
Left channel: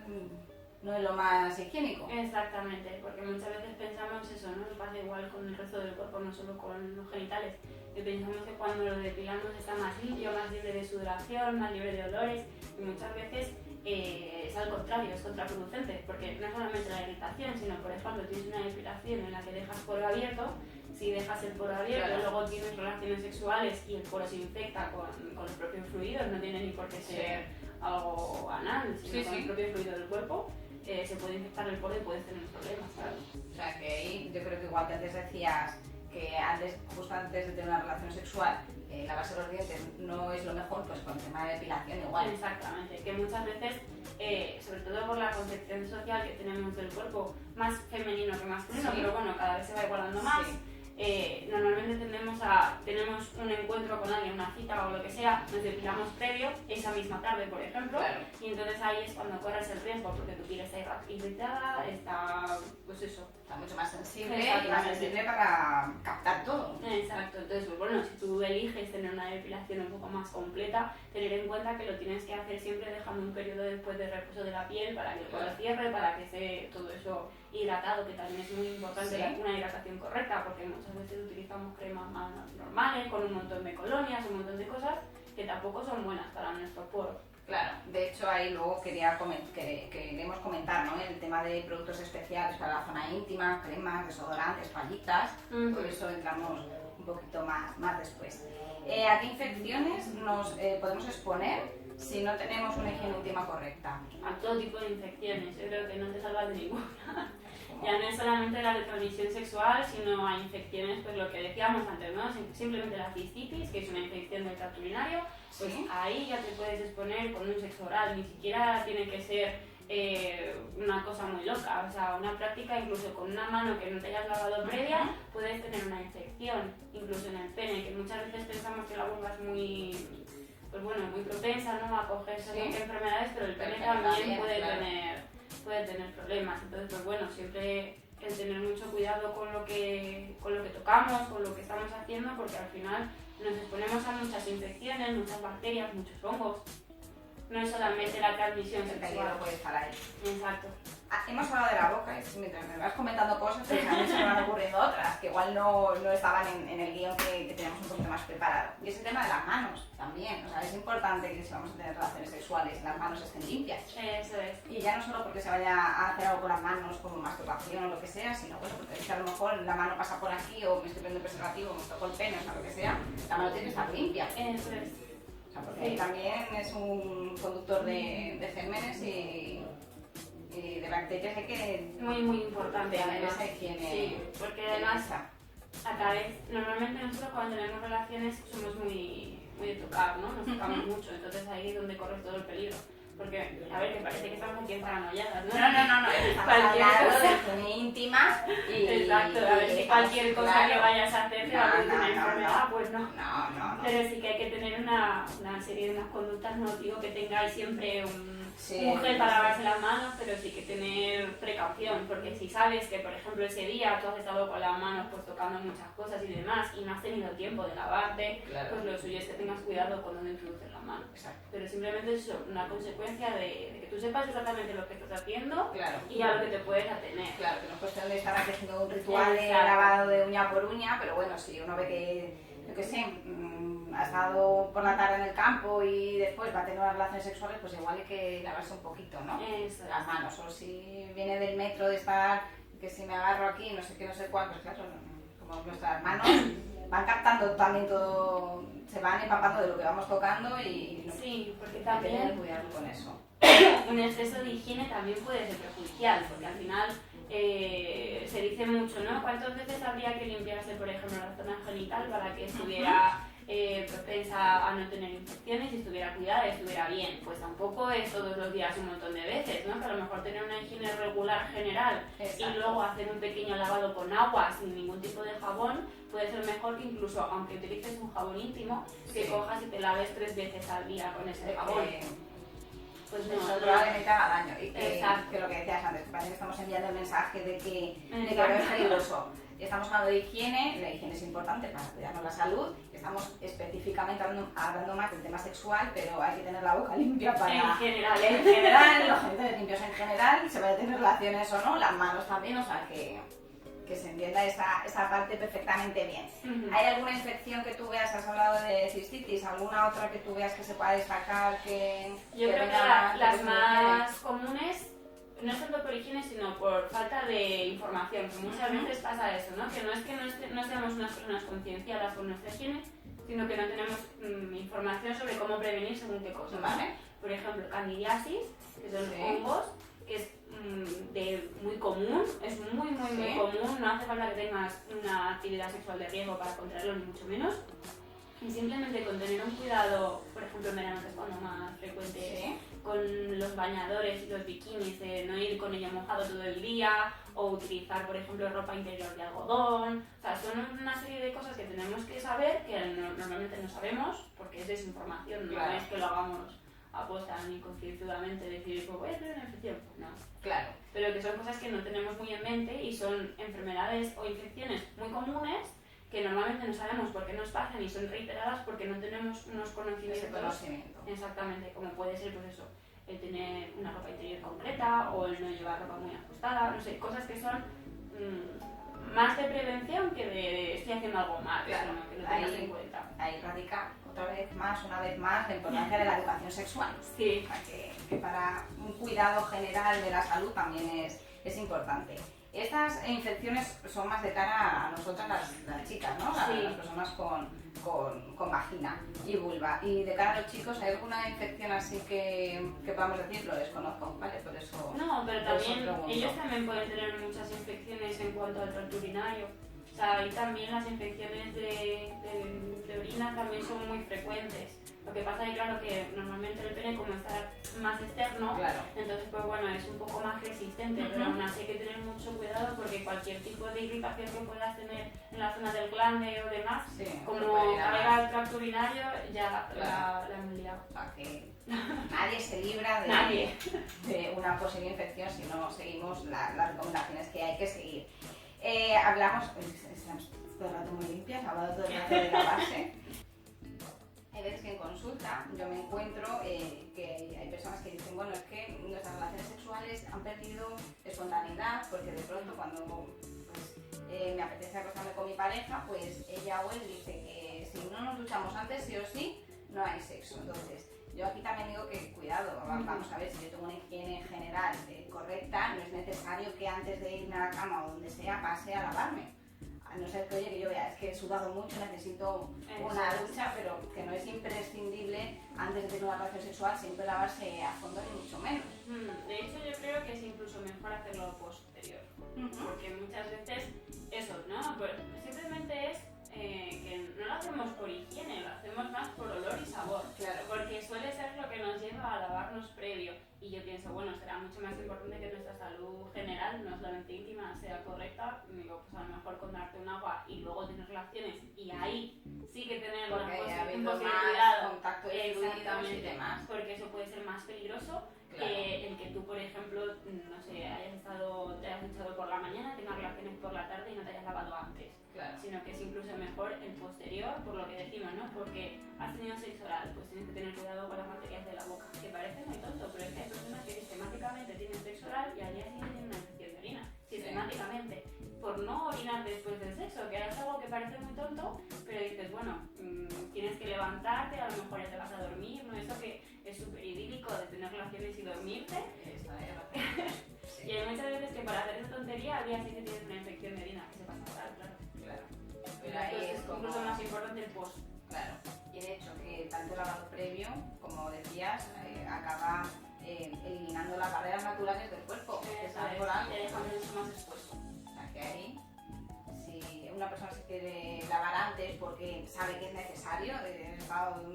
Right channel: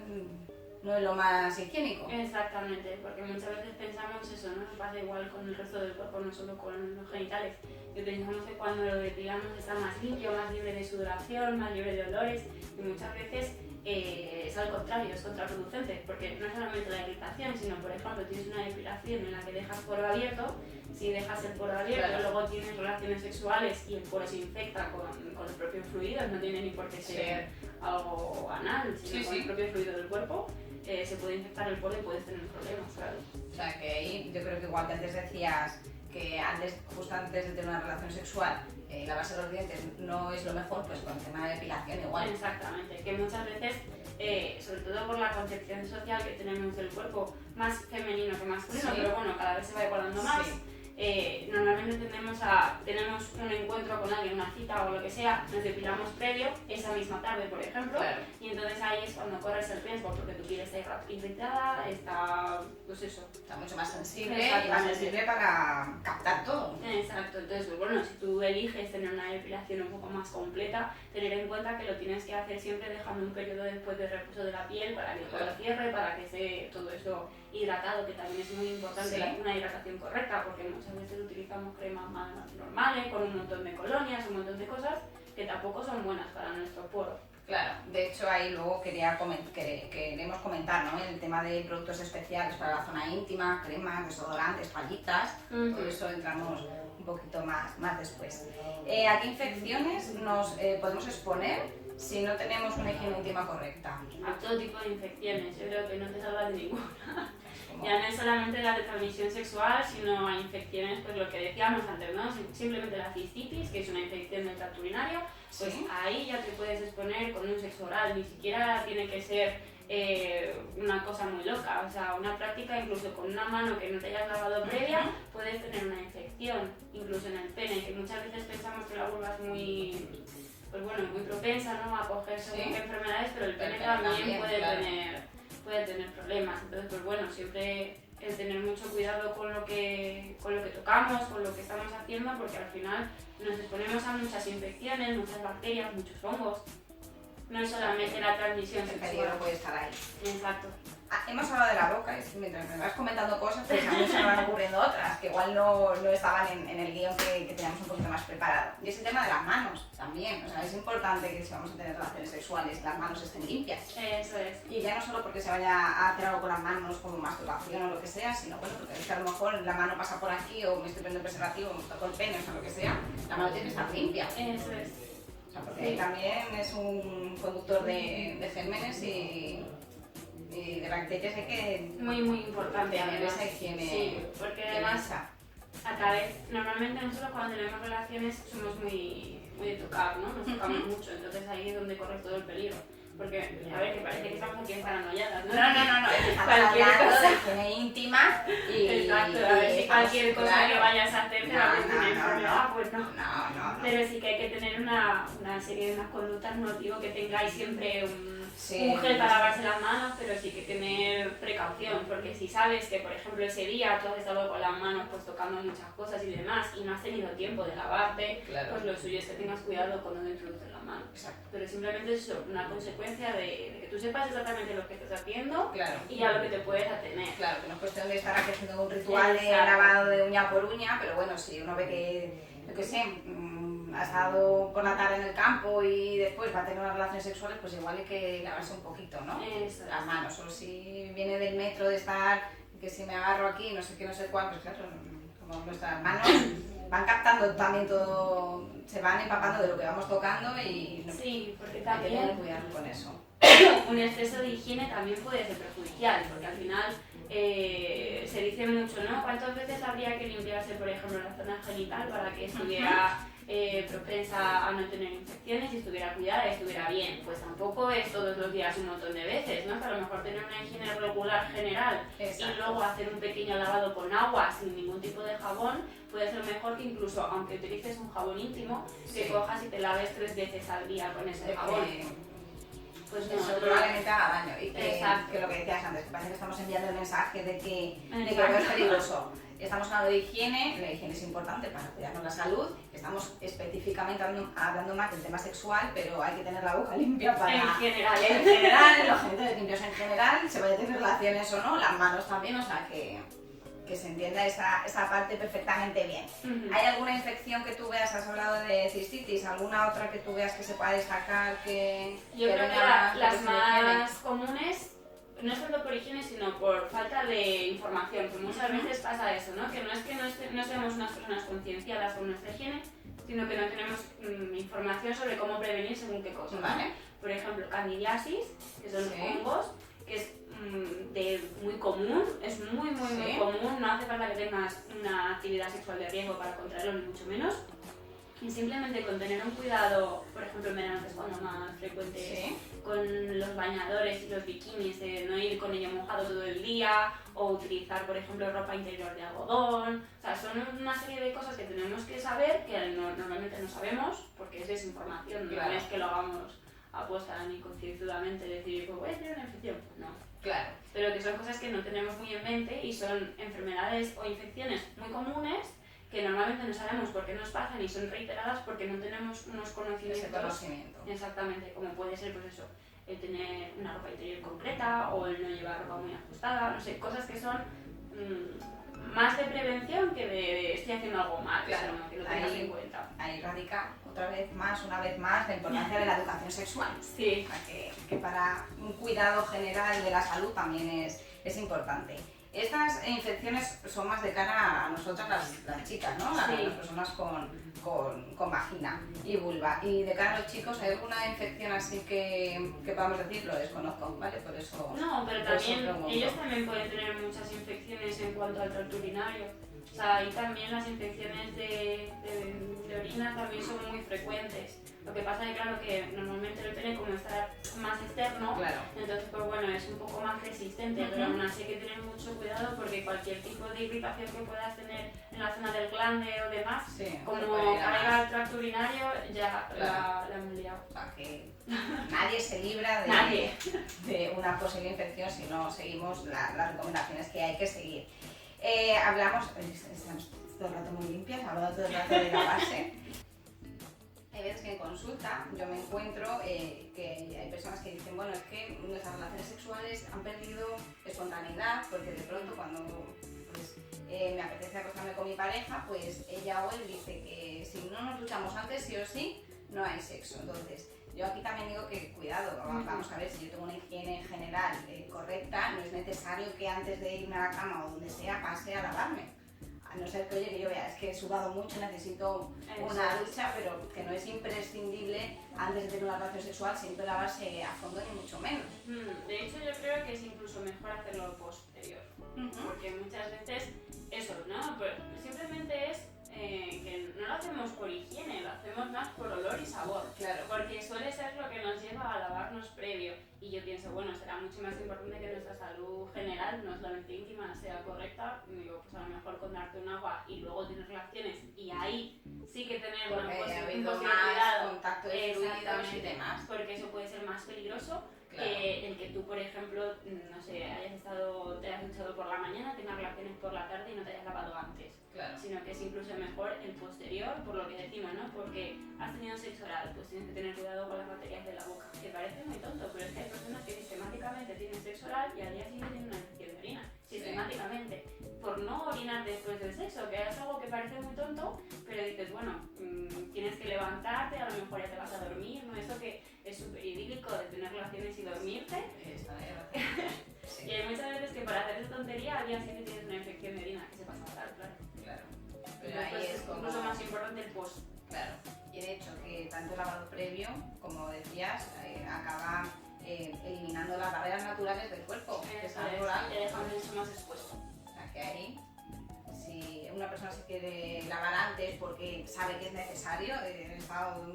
no es lo más higiénico. Exactamente, porque muchas veces pensamos eso, ¿no? Pasa igual con el resto del cuerpo, no solo con los genitales. Y pensamos que cuando lo depilamos está más limpio, más libre de sudoración, más libre de olores, y muchas veces es al contrario, es contraproducente, porque no es solamente la irritación, sino por ejemplo tienes una depilación en la que dejas poro abierto. Si dejas el poro abierto, claro, luego tienes relaciones sexuales y el poro se infecta con el propio fluido, no tiene ni por qué ser algo anal, sino con el propio fluido del cuerpo, se puede infectar el poro y puedes tener problemas, claro. O sea que ahí yo creo que igual que antes decías que justo antes de tener una relación sexual, lavarse los dientes no es lo mejor, pues con el tema de depilación igual. Exactamente, que muchas veces, sobre todo por la concepción social que tenemos del cuerpo, más femenino que masculino, pero bueno, cada vez se va igualando más. Normalmente tenemos un encuentro con alguien, una cita o lo que sea, nos depilamos previo, esa misma tarde por ejemplo, y entonces ahí es cuando corres el riesgo porque tu piel está irritada, está, pues eso. Está mucho más sensible y más sensible para captar todo. Exacto, entonces pues bueno, si tú eliges tener una depilación un poco más completa, tener en cuenta que lo tienes que hacer siempre dejando un periodo después de reposo de la piel para que todo cierre, para que esté todo eso hidratado, que también es muy importante una hidratación correcta, porque muchas veces utilizamos cremas más normales, con un montón de colonias, un montón de cosas que tampoco son buenas para nuestro poro. Claro, de hecho ahí luego queremos comentar, ¿no? El tema de productos especiales para la zona íntima, cremas, desodorantes, toallitas, por eso entramos un poquito más después. ¿A qué infecciones nos podemos exponer si no tenemos una higiene íntima correcta? A todo tipo de infecciones, yo creo que no te salvas de ninguna. Ya no es solamente la de transmisión sexual, sino a infecciones, pues lo que decíamos antes, ¿no? Simplemente la cistitis, que es una infección del tracto urinario, pues ahí ya te puedes exponer con un sexo oral, ni siquiera tiene que ser una cosa muy loca, o sea, una práctica incluso con una mano que no te hayas lavado previa, puedes tener una infección, incluso en el pene, que muchas veces pensamos que la vulva es muy, pues bueno, muy propensa, ¿no?, a coger según qué enfermedades, pero el pene también puede tener problemas. Entonces, pues bueno, siempre el tener mucho cuidado con lo que tocamos, con lo que estamos haciendo, porque al final nos exponemos a muchas infecciones, muchas bacterias, muchos hongos. No es solamente la transmisión sexual. El peligro puede estar ahí. Exacto. Hemos hablado de la boca y mientras me vas comentando cosas, pues a mí se me van ocurriendo otras que igual no estaban en el guión que teníamos un poquito más preparado. Y es el tema de las manos también. O sea, es importante que si vamos a tener relaciones sexuales, las manos estén limpias. Eso es. Y ya no solo porque se vaya a hacer algo con las manos como masturbación o lo que sea, sino bueno, porque es que a lo mejor la mano pasa por aquí o me estoy poniendo preservativo, me toco el pene, o sea, lo que sea, la mano tiene que estar limpia. Eso es. O sea, porque también es un conductor de gérmenes y de bacterias hay que muy importante tener esa higiene. Sí, porque además normalmente nosotros cuando tenemos relaciones somos muy de tocar, ¿no? Nos tocamos mucho, entonces ahí es donde corre todo el peligro. Porque, a ver, que parece que estamos aquí en paranoiadas, ¿no? No, estamos Cualquier hablando cosa. de higiene íntima y... Exacto, a ver si cualquier cosa claro. que vayas a hacer te va a producir una enfermedad, no. pues no. No. Pero sí que hay que tener una serie de unas conductas, no digo que tengáis siempre un Sí, gel para lavarse las manos, pero sí que tener precaución, porque si sabes que, por ejemplo, ese día tú has estado con las manos pues tocando muchas cosas y demás y no has tenido tiempo de lavarte, Claro. pues lo suyo es que tengas cuidado cuando te introduces las manos. Exacto. Pero simplemente es una consecuencia de que tú sepas exactamente lo que estás haciendo Claro. y a lo que te puedes atener. Claro, que no es cuestión de estar aquí haciendo un ritual de Exacto. lavado de uña por uña, pero bueno, si uno ve que, yo qué sé, ha estado por la tarde en el campo y después va a tener unas relaciones sexuales, pues igual hay que lavarse un poquito, ¿no? Eso. Las manos, o si viene del metro de estar, que si me agarro aquí, no sé qué, no sé cuál, pues claro, como nuestras manos van captando también todo, se van empapando de lo que vamos tocando y no, Sí, porque hay que tener también cuidado con eso. un exceso de higiene también puede ser perjudicial, porque al final se dice mucho, ¿no? ¿Cuántas veces habría que limpiarse, por ejemplo, la zona genital para que estuviera propensa a no tener infecciones y estuviera cuidada y estuviera bien? Pues tampoco es todos los días un montón de veces, ¿no? Que a lo mejor tener una higiene regular general Exacto. y luego hacer un pequeño lavado con agua sin ningún tipo de jabón puede ser mejor que incluso, aunque utilices un jabón íntimo, que Sí. cojas y te laves 3 veces al día con ese jabón. Pues no, Eso no. probablemente haga daño y Exacto. que lo que decías antes, que parece que estamos enviando el mensaje de que Exacto. no es peligroso. Estamos hablando de higiene, la higiene es importante para cuidarnos la salud, estamos específicamente hablando más del tema sexual, pero hay que tener la boca limpia para... En general, En general, los gente limpios en general, se vaya a tener relaciones o no, las manos también, o sea que se entienda esa parte perfectamente bien. Ujú. ¿Hay alguna infección que tú veas, has hablado de cistitis, alguna otra que tú veas que se pueda destacar que... Yo creo que venga las por más comunes no es tanto por higiene, sino por falta de información, que muchas veces pasa eso, ¿no? Que no seamos unas personas concienciadas con nuestra higiene, sino que no tenemos información sobre cómo prevenir según qué cosas. Vale. Por ejemplo, candidiasis, que son Sí. hongos, que es muy común, es muy Sí. común, no hace falta que tengas una actividad sexual de riesgo para contraerlo, ni mucho menos. Y simplemente con tener un cuidado, por ejemplo en verano, que es cuando más frecuente es, Sí. con los bañadores y los bikinis, de no ir con ello mojado todo el día, o utilizar, por ejemplo, ropa interior de algodón. O sea, son una serie de cosas que tenemos que saber, que normalmente no sabemos, porque es desinformación, Claro. no es que lo hagamos aposta ni concienzudamente, decir, pues voy a tener una infección, pues no. Claro. Pero que son cosas que no tenemos muy en mente y son enfermedades o infecciones muy comunes que normalmente no sabemos por qué nos pasan y son reiteradas porque no tenemos unos conocimientos. Ese conocimiento. Exactamente, como puede ser pues eso, el tener una ropa interior concreta o el no llevar ropa muy ajustada, no sé, cosas que son más de prevención que de estoy haciendo algo mal, Claro, que lo tengas ahí- en cuenta. Ahí radica una vez más, la importancia de la educación sexual. Sí. O sea, que para un cuidado general de la salud también es importante. Estas infecciones son más de cara a nosotras las chicas, ¿no? Sí. Las personas con vagina y vulva. Y de cara a los chicos, ¿hay alguna infección así que podamos decir? Lo desconozco, ¿vale? Por eso... No, pero por eso también pregunto. ellos también pueden tener muchas infecciones en cuanto al tracto urinario. O sea, y también las infecciones de orina también son muy frecuentes. Lo que pasa es claro que normalmente el pene como está más externo, Claro. entonces pues bueno, es un poco más resistente, pero aún así hay que tener mucho cuidado porque cualquier tipo de irritación que puedas tener en la zona del glande o demás, Sí, como se puede ir a caiga más. al tracto urinario, ya Claro. la hemos liado. O sea, que nadie se libra Nadie. de una posible infección si no seguimos las recomendaciones que hay que seguir. Hablamos, estamos todo el rato muy limpias, hablando todo el rato de lavarse. Hay veces que en consulta yo me encuentro que hay personas que dicen, bueno, es que nuestras relaciones sexuales han perdido espontaneidad porque de pronto cuando pues, me apetece acostarme con mi pareja, pues ella o él dice que si no nos duchamos antes, sí o sí, no hay sexo. Entonces, yo aquí también digo que cuidado, vamos a ver, si yo tengo una higiene general correcta, no es necesario que antes de irme a la cama o donde sea pase a lavarme. A no ser que, oye, que yo vea, es que he sudado mucho, necesito una ducha, pero que no es imprescindible antes de tener una relación sexual siempre lavarse a fondo ni mucho menos. De hecho, yo creo que es incluso mejor hacerlo posterior. Porque muchas veces eso, ¿no? Pues simplemente es que no lo hacemos por higiene, lo hacemos más por olor y sabor. Claro. Porque suele ser lo que nos lleva a lavarnos previo. Y yo pienso, bueno, será mucho más importante que nuestra salud general, no solamente íntima, sea correcta. Digo, pues a lo mejor con darte un agua y luego tener relaciones y ahí sí que tener un posible cuidado. Contacto de fluidos y demás. Porque eso puede ser más peligroso. Claro. El que tú, por ejemplo, no sé, te hayas duchado por la mañana, tengas relaciones por la tarde y no te hayas lavado antes. Claro. Sino que es incluso mejor el posterior, por lo que decimos, ¿no? Porque has tenido sexo oral, pues tienes que tener cuidado con las bacterias de la boca. Que parece muy tonto, pero es que hay personas que sistemáticamente tienen sexo oral y al día siguiente tienen una infección de orina. Sistemáticamente. Por no orinar después del sexo, que es algo que parece muy tonto, pero dices, bueno, tienes que levantarte, a lo mejor ya te vas a dormir, ¿no? Eso que es súper idílico de tener relaciones y dormirte. Sí. Y hay muchas veces que para hacer esa tontería al día siguiente tienes una infección de orina que se pasa fatal, claro. Pero ahí es como... incluso más importante el post. Claro. Y de hecho que tanto el lavado previo, como decías, acaba eliminando las barreras naturales del cuerpo. Que es natural. Te deja mucho más expuesto. O sea que ahí, si una persona se quiere lavar antes porque sabe que es necesario,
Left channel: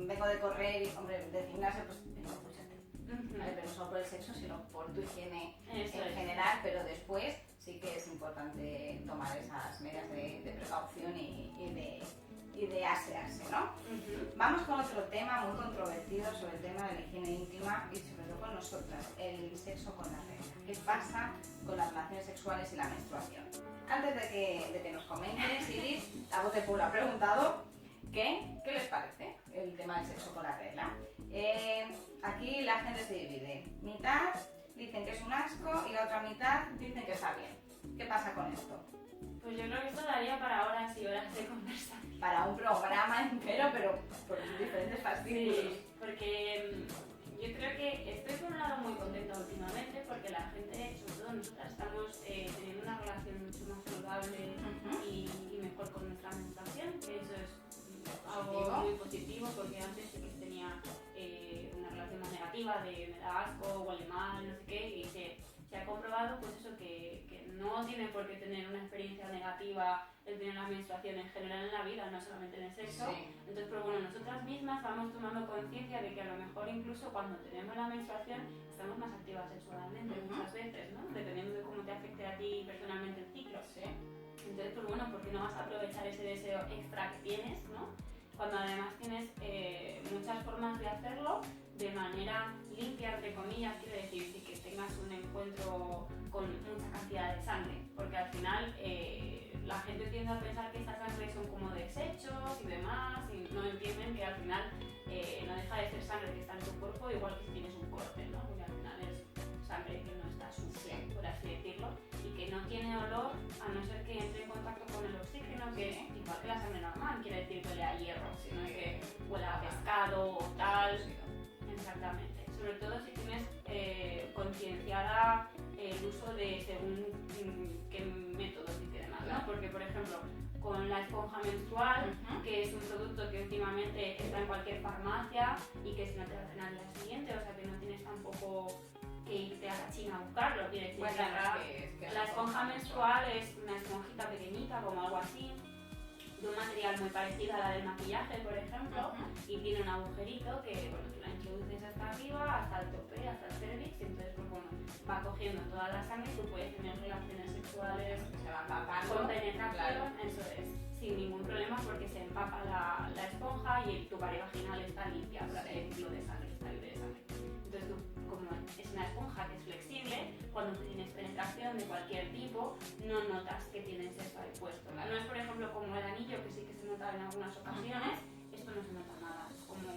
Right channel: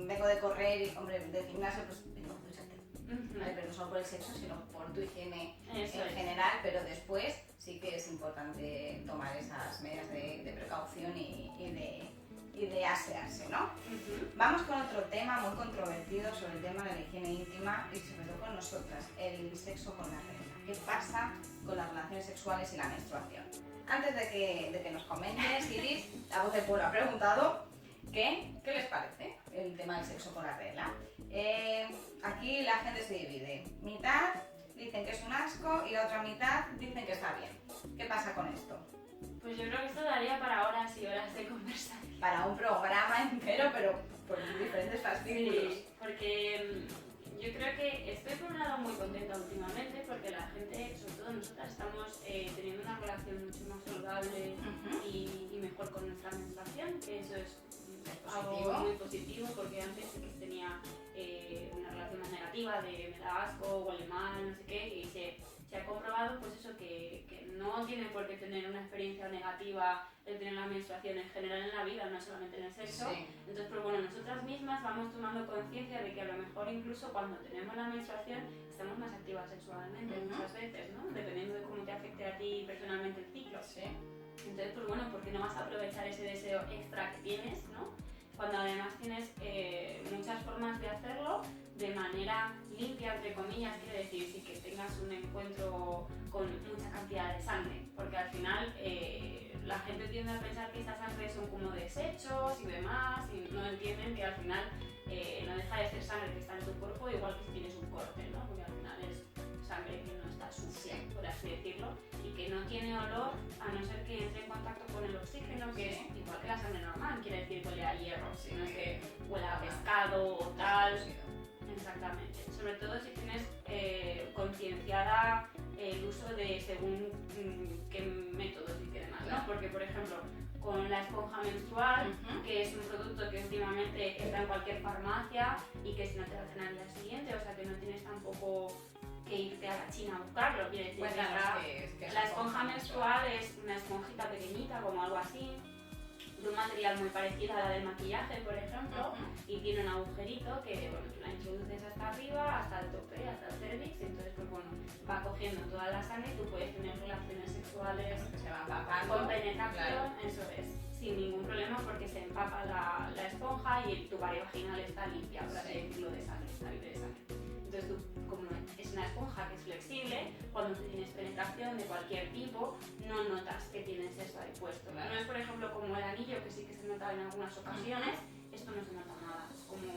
vengo de correr y, hombre, de gimnasio, pues vengo, dúchate. Vale, pero no solo por el sexo, sino por tu higiene en general, pero después sí que es importante tomar esas medidas de precaución y de asearse, ¿no? Vamos con otro tema muy controvertido sobre el tema de la higiene íntima y sobre todo con nosotras, el sexo con la regla. ¿Qué pasa con las relaciones sexuales y la menstruación? Antes de que nos comentes, Iris, la voz del pueblo ha preguntado ¿qué les parece el tema del sexo con la regla? Aquí la gente se divide. Mitad dicen que es un asco y la otra mitad dicen que está bien. ¿Qué pasa con esto? Pues yo creo que esto daría para horas y horas de conversación. Para un programa entero, pero por diferentes fascículos. Sí, porque yo creo que estoy por un lado muy contenta últimamente porque la gente, sobre todo nosotras, estamos teniendo una relación mucho más saludable y mejor con nuestra menstruación, que eso es algo muy positivo porque antes sí que tenía una relación más negativa de me da asco, huele mal, no sé qué, y se ha comprobado pues eso que no tiene por qué tener una experiencia negativa el tener la menstruación en general en la vida, no solamente en el sexo. Sí. Entonces, pues bueno, nosotras mismas vamos tomando conciencia de que a lo mejor incluso cuando tenemos la menstruación estamos más activas sexualmente muchas veces, ¿no? Dependiendo de cómo te afecte a ti personalmente el ciclo. Sí. Entonces, pues bueno, ¿por qué no vas a aprovechar ese deseo extra que tienes, ¿no? Cuando además tienes muchas formas de hacerlo de manera limpia, entre comillas, quiere decir sí que tengas un encuentro con mucha cantidad de sangre, porque al final la gente tiende a pensar que esta sangre son como desechos y demás, y no entienden que al final no deja de ser sangre que está en tu cuerpo, igual que si tienes un corte, ¿no? Porque al final es sangre que no está sucia, por así decirlo, y que no tiene olor a no ser que entre en contacto con el oxígeno, que es igual que la sangre normal, quiere decir que huele a hierro, sino que huele a pescado o tal. Exactamente, sobre todo si tienes concienciada el uso de según qué métodos y demás, ¿no? Porque, por ejemplo, con la esponja menstrual, que es un producto que últimamente está en cualquier farmacia y que si no te lo hacen al día siguiente, o sea que no tienes tampoco que irte a la China a buscarlo, quiere decir que la esponja menstrual es una esponjita pequeñita, como algo así, de un material muy parecido a la del maquillaje, por ejemplo, y tiene un agujerito que, bueno, la introduces hasta arriba, hasta el tope, hasta el cervix, y entonces, pues bueno, va cogiendo toda la sangre y tú puedes tener relaciones sexuales que se van empapando, con penetración, claro. Eso es, sin ningún problema porque se empapa la esponja y tu pared vaginal está limpia, por así decirlo, de sangre, está libre de sangre. Entonces tú, como es una esponja que es flexible, cuando tienes penetración de cualquier tipo, no notas que tienes eso ahí puesto. Claro. No es, por ejemplo, como el anillo, que sí que se nota en algunas ocasiones, esto no se nota nada, es como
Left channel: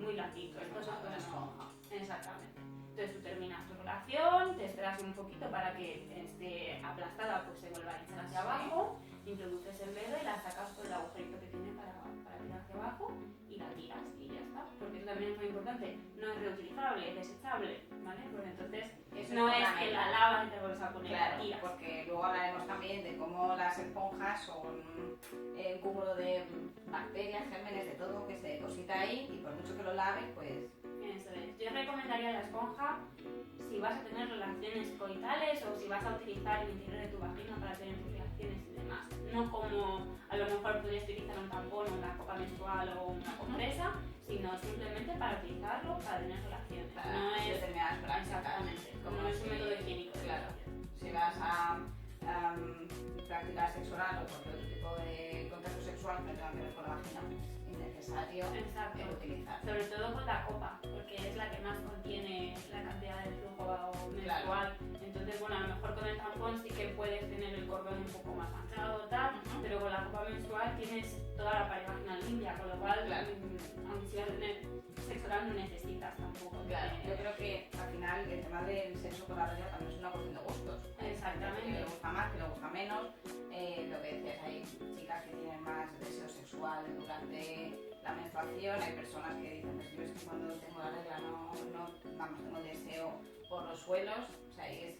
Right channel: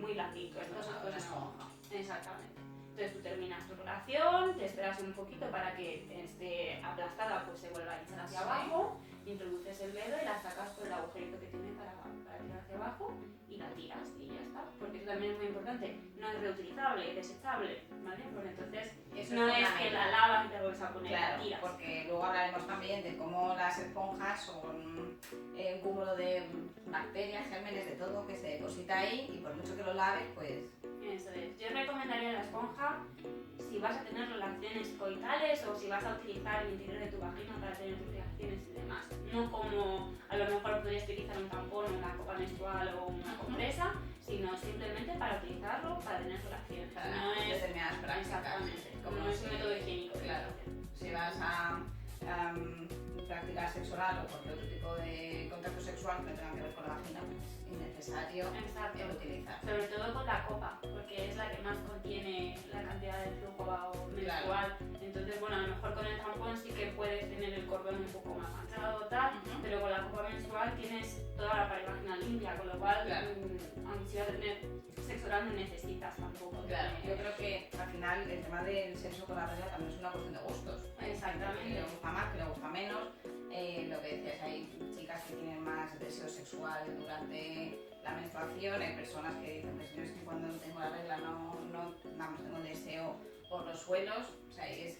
muy blandito, esto es una esponja. Exactamente. Entonces tú terminas tu relación, te esperas un poquito para que esté aplastada, pues se vuelva a echar hacia abajo, introduces el dedo y la sacas por el agujerito que tiene para tirar hacia abajo y la tiras y ya está. Porque eso también es muy importante, no es reutilizable, es desechable, ¿vale? Pues entonces Eso no es es que la lavas y te vuelves a poner, claro, la tiras. porque luego hablaremos también de cómo las esponjas son un cúmulo de bacterias, gérmenes, de todo que se deposita ahí y por mucho que lo laves, pues... Eso es. Yo recomendaría la esponja si vas a tener relaciones coitales o si vas a utilizar el interior de tu vagina para tener relaciones y demás. No como a lo mejor podrías utilizar un tampón, una copa menstrual o una compresa, sino simplemente para utilizarlo para tener relaciones. Para no es determinadas prácticas. exactamente, Como no es un si- método higiénico. Claro, si vas a practicar sexo oral o cualquier otro tipo de contacto sexual que tenga que ver con la vagina, pues innecesario Exacto. utilizar. Sobre todo con la copa, porque es la que más contiene la cantidad de flujo menstrual. Entonces, bueno, a lo mejor con el tampón sí que puedes tener el cordón un poco más manchado o tal, pero con la copa menstrual tienes toda la pared vaginal limpia, con lo cual, aunque si vas a tener sexo oral no necesitas tampoco. Claro, yo creo que al final el tema del sexo con la regla también es una cuestión de gustos. Exactamente. Que le gusta más, que le gusta menos. Lo que decías, hay chicas que tienen más deseo sexual durante la menstruación, hay personas que dicen que yo es que cuando tengo la regla vamos, tengo deseo por los suelos, o sea, es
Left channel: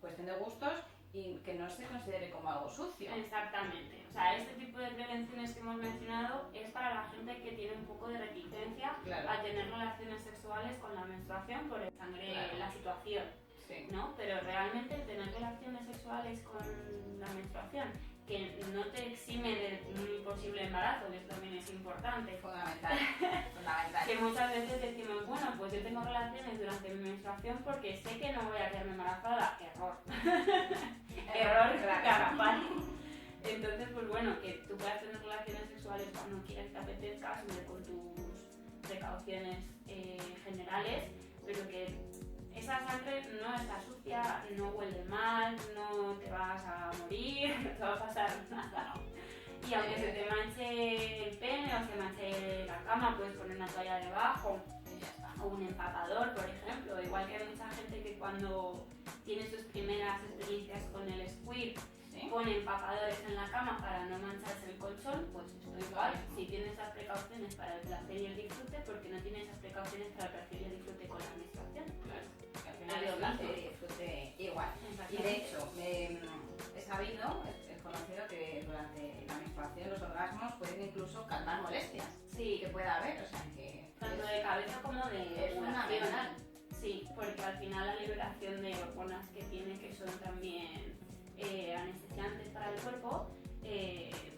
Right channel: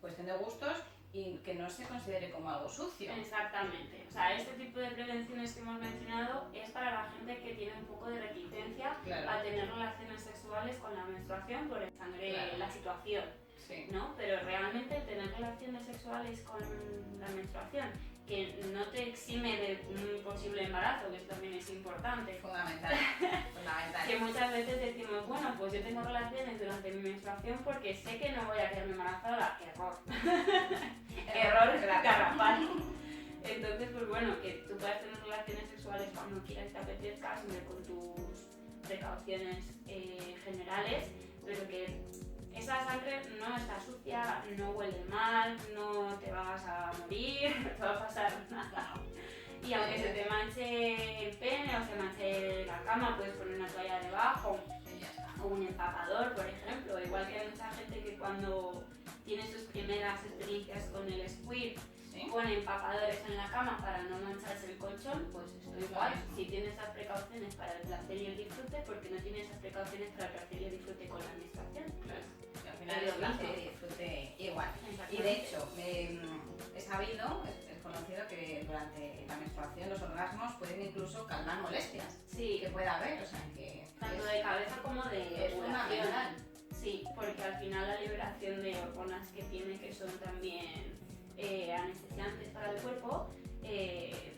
cuestión de gustos y que no se considere como algo sucio. Exactamente. O sea, este tipo de prevenciones que hemos mencionado es para la gente que tiene un poco de reticencia a tener relaciones sexuales con la menstruación por el sangre, la situación. Sí. ¿No? Pero realmente tener relaciones sexuales con la menstruación que no te exime de un posible embarazo, que eso también es importante. Fundamental. Fundamental. Que muchas veces decimos, bueno, pues yo tengo relaciones durante mi menstruación porque sé que no voy a quedarme embarazada. Error. Error garrafal. Entonces, pues bueno, que tú puedas tener relaciones sexuales cuando quieras, te apetezca, siempre con tus precauciones generales, pero que esa sangre no está sucia, no huele mal, no te vas a morir, no te va a pasar nada. Y aunque se te manche el pene o se manche la cama, puedes poner una toalla debajo o un empapador, por ejemplo. Igual que hay mucha gente que cuando tiene sus primeras experiencias con el squirt, pone empapadores en la cama para no mancharse el colchón, pues esto igual. Si tiene esas precauciones para el placer y el disfrute, porque no tiene esas precauciones para el placer y el disfrute con la menstruación. Claro. Al final es placer y disfrute igual. Y de hecho, he sabido, es conocido que durante la menstruación los orgasmos pueden incluso calmar molestias que pueda haber, o sea que... Tanto de cabeza como de es fundamental. Sí, porque al final la liberación de hormonas que tiene, que son también anestesiantes para el cuerpo,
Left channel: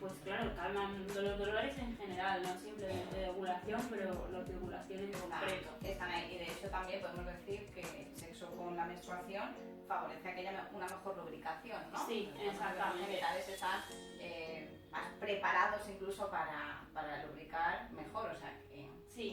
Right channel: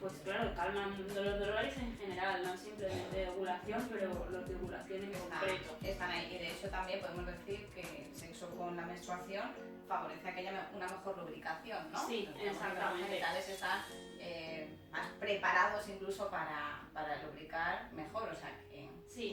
pues claro, calman los dolores en general, no simplemente de ovulación, pero los de ovulación en concreto. Están ahí, y de hecho también podemos decir que el sexo con la menstruación favorece a que haya una mejor lubricación, ¿no? Sí, exactamente. Los genitales están más preparados incluso para lubricar mejor, o sea que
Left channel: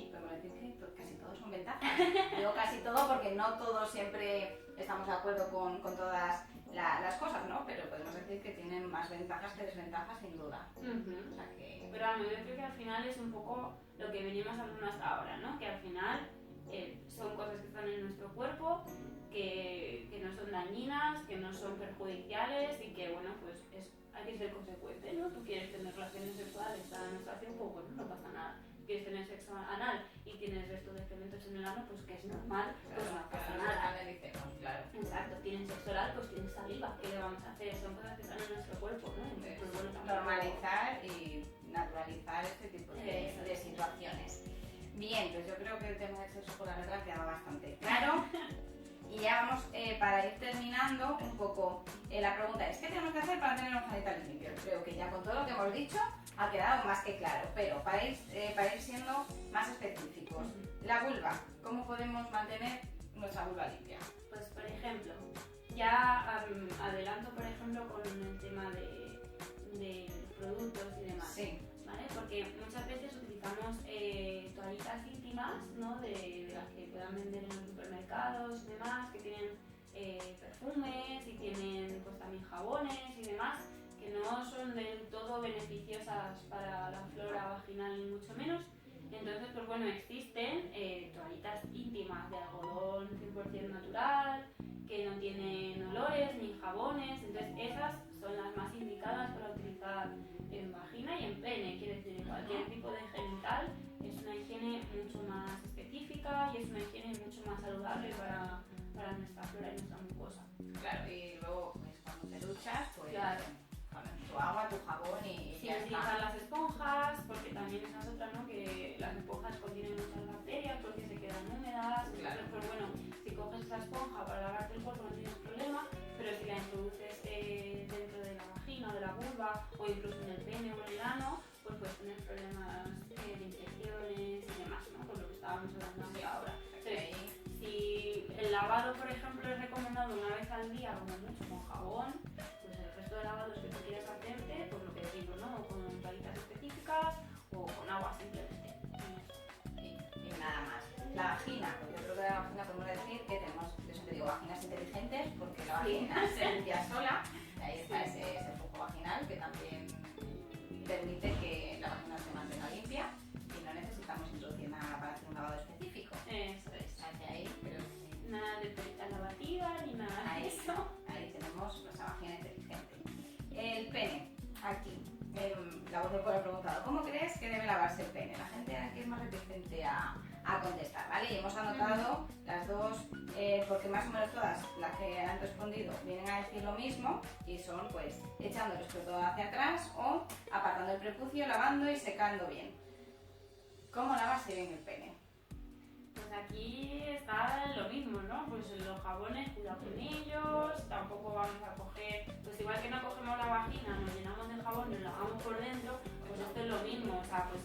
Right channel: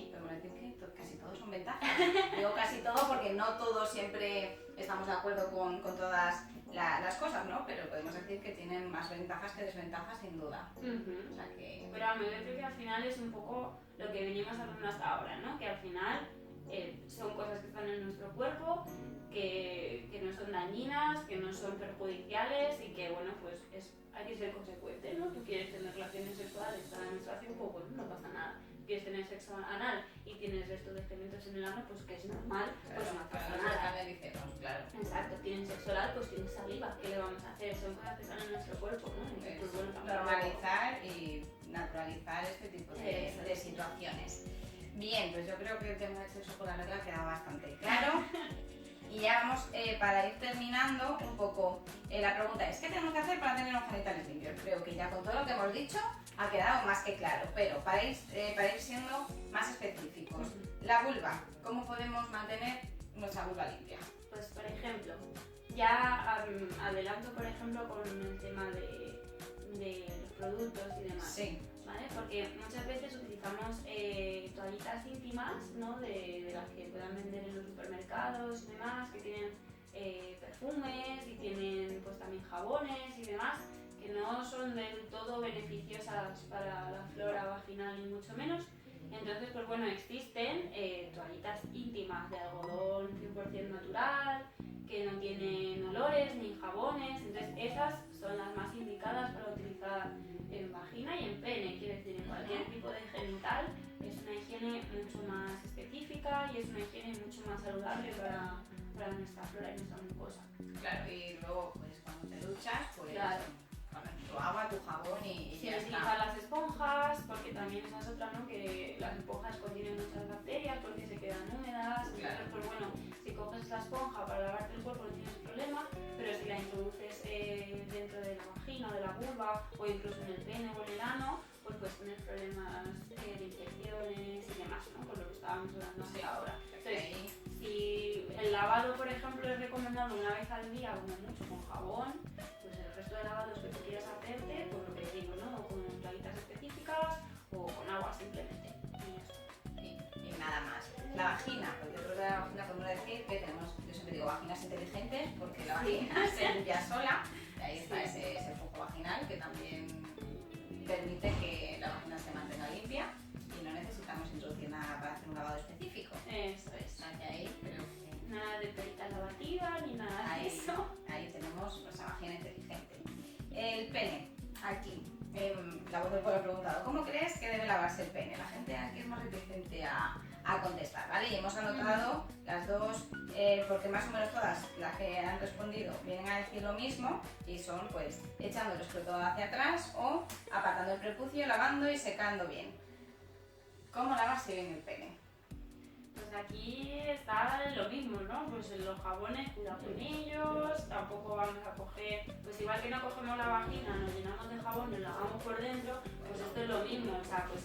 podemos decir que casi todos son ventajas. Digo casi todo porque no todos siempre estamos de acuerdo con todas las cosas, ¿no? Pero podemos decir que tienen más ventajas que desventajas sin duda. O sea que... Pero a mí yo creo que al final es un poco lo que venimos hablando hasta ahora, ¿no? Que al final son cosas que están en nuestro cuerpo, que no son dañinas, que no son perjudiciales y que, bueno, pues hay que ser consecuente, ¿no? Tú quieres tener relaciones sexuales, está en la menstruación, pues bueno, no pasa nada. Quieres tener sexo anal y tienes restos de excrementos en el ano, pues que es normal, pues no pasa nada. Claro. Exacto, tienes sexo oral, pues tienes saliva, ¿qué le vamos a hacer? Son cosas que están en nuestro cuerpo, ¿no? Entonces, pues bueno, normalizar y naturalizar este tipo de situaciones. Bien, pues yo creo que el tema del sexo con la regla ha quedado bastante claro. Y ya vamos, para ir terminando un poco, la pregunta es, ¿qué tenemos que hacer para tener los genitales limpios? Creo que ya con todo lo que hemos dicho ha quedado más que claro, pero para ir siendo más específicos, la vulva, ¿cómo podemos mantener nuestra vulva limpia? Pues por ejemplo, ya adelanto por ejemplo con el tema de los productos y demás. Sí. ¿Vale? Porque muchas veces utilizamos toallitas íntimas, ¿no? de las que puedan vender en los supermercados y demás, que tienen perfumes y tienen pues también jabones y demás, que no son del todo beneficiosas para la flora vaginal ni mucho menos. Entonces, pues bueno, existen toallitas íntimas de algodón 100% natural, que no tienen olores ni jabones, entonces esas son las más indicadas para utilizar en vagina y en pene, quiere decir en cualquier tipo de genital mucho más específica y es una higiene mucho más saludable para nuestra flora y nuestra mucosa. Claro, y luego pues cuando te duchas, pues claro. Con tu agua, tu jabón y Sin ya utilizar está. las esponjas, porque también esa es otra, ¿no? Que las esponjas contienen muchas bacterias porque se quedan húmedas. Claro. Entonces, pues bueno, si coges la esponja para lavarte el cuerpo no tienes problema, pero si la introduces dentro de la vagina o de la vulva o incluso en el pene o en el ano, pues puedes tener problemas de infecciones y demás, ¿no? Por lo que estábamos hablando hasta ahora. Entonces, si el lavado, por ejemplo, es recomendado una vez al día, como mucho, con jabón, pues el resto de lavados que tú quieras hacerte, pues lo que digo, ¿no? O con toallitas específicas o con agua simplemente. Y nada más. La vagina, porque dentro de la vagina podemos decir que tenemos, yo siempre digo, vaginas inteligentes, porque la vagina se limpia sola, y ahí está ese flujo vaginal que también permite que la vagina se mantenga limpia y no necesitamos introducir nada para hacer un lavado específico. Eso es. Ahí, pero nada de perita lavativa ni nada de eso. Ahí tenemos nuestra vagina inteligente. El pene, aquí. La voz del pueblo ha preguntado, ¿cómo crees que debe lavarse el pene? La gente aquí es más reticente a contestar, ¿vale? Y hemos anotado las dos, porque más o menos todas las que han respondido vienen a decir lo mismo y son pues echando el escroto hacia atrás o apartando el prepucio, lavando y secando bien. ¿Cómo lavarse bien el pene? Pues aquí está lo mismo, ¿no? Pues los jabones, cuidado con ellos, tampoco vamos a coger, pues igual que no cogemos la vagina, nos llenamos de jabón, nos lavamos por dentro, pues esto es lo mismo, o sea, pues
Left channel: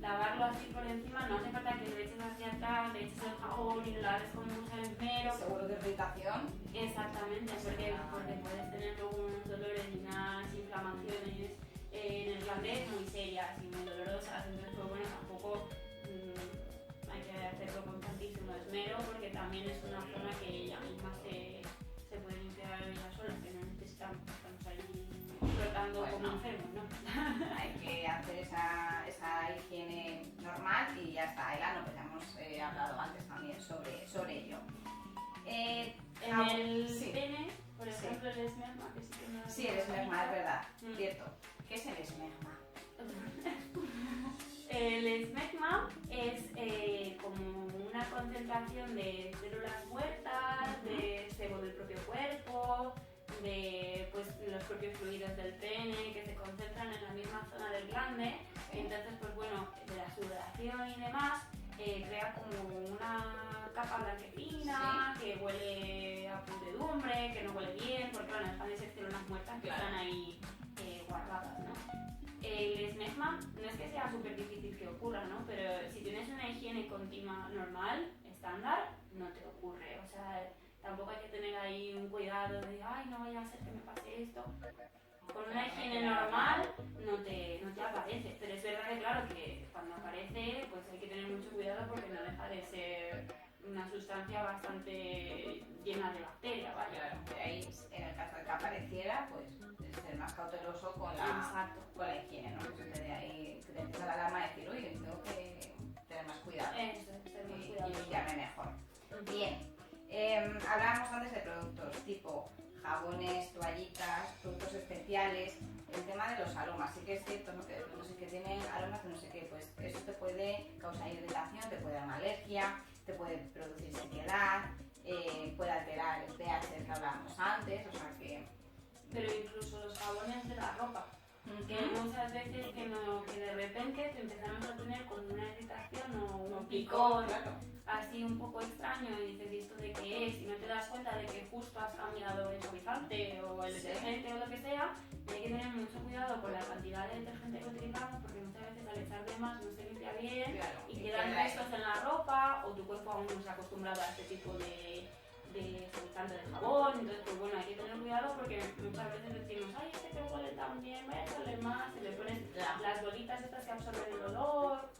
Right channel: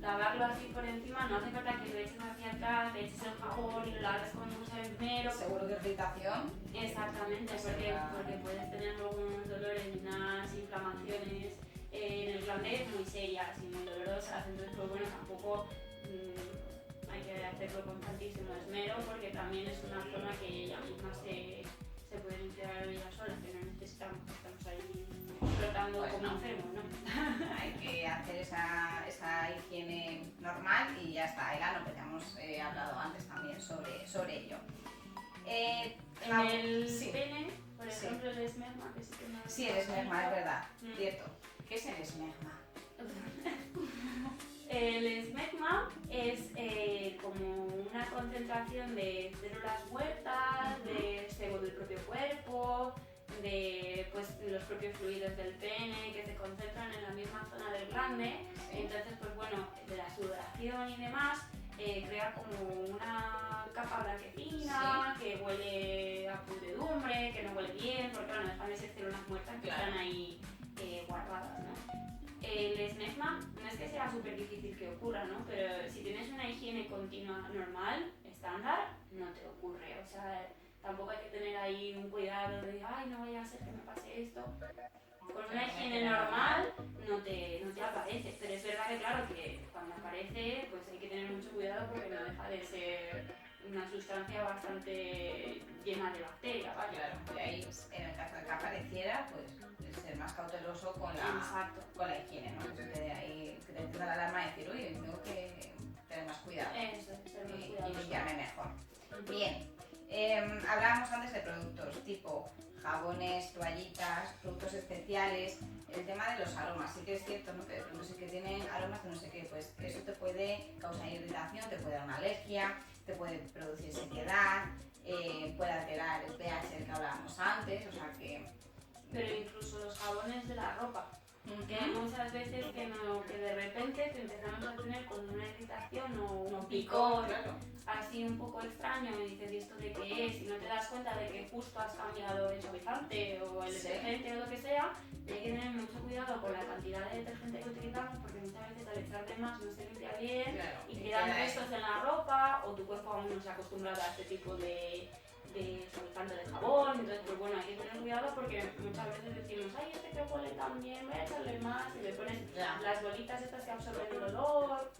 lavarlo así por encima, no hace falta que lo eches hacia atrás, le eches el jabón y lo laves con mucha esmero. Seguro de irritación. Exactamente, porque puedes tener luego unos dolores y unas inflamaciones en el glande muy serias y muy dolorosas, entonces pues bueno, tampoco hay que hacerlo con tantísimo esmero porque también es una zona que ella misma se puede limpiar ella sola, que no necesitamos que estamos ahí flotando pues como no. enfermos, ¿no? Hay que hacer esa higiene normal y ya está. El ano, pues ya hemos hablado antes también sobre ello. En el sí. pene, por ejemplo, el esmerma, que sí que no... Sí, el esmerma, es verdad, cierto. ¿Qué es el esmerma? El esmegma es como una concentración de células muertas, de sebo del propio cuerpo, de pues, los propios fluidos del pene que se concentran en la misma zona del glande. Entonces, pues bueno, de la sudoración y demás, crea como una capa blanquecina que huele a pudredumbre, que no huele bien, porque bueno, dejan de ser células muertas que están ahí guardadas, ¿no? El esmegma no es que sea súper difícil que ocurra, ¿no? Pero si tienes una higiene continua normal, estándar, no te ocurre. O sea, tampoco hay que tener ahí un cuidado de, ay, no vaya a ser que me pase esto. Con una higiene normal no te aparece. Pero es verdad que, claro, que cuando aparece, pues hay que tener mucho cuidado porque no deja de ser una sustancia bastante llena de bacterias, ¿vale? Claro, de ahí, en el caso de que apareciera, pues ser más cauteloso con la higiene, ¿no? Que de ahí que te empieza la alarma y decir, uy, tengo que tener más cuidado. Eso, ser más cuidadoso. Y limpiarme mejor. Bien. Hablábamos antes de productos tipo jabones, toallitas, productos especiales, el tema de los aromas, sí que es cierto, ¿no? Que no sé qué tienen aromas que no sé qué, pues eso te puede causar irritación, te puede dar una alergia, te puede producir sequedad, puede alterar el pH del que hablábamos antes, o sea que... Pero incluso los jabones de la ropa, que muchas veces que de repente te empezamos a tener como una irritación o un picor, claro. así un poco extraño y dices, ¿y esto de qué es? Y no te das cuenta de que justo has cambiado el suavizante o el detergente o lo que sea, y hay que tener mucho cuidado con la cantidad de detergente que utilizamos porque muchas veces al echar de más no se limpia bien y quedan restos en la ropa o tu cuerpo aún no se ha acostumbrado a este tipo de suavizante de jabón, entonces pues bueno, hay que tener cuidado porque muchas veces decimos, ay, este que huele tan bien, voy a echarle más y le pones las bolitas estas que absorben el olor.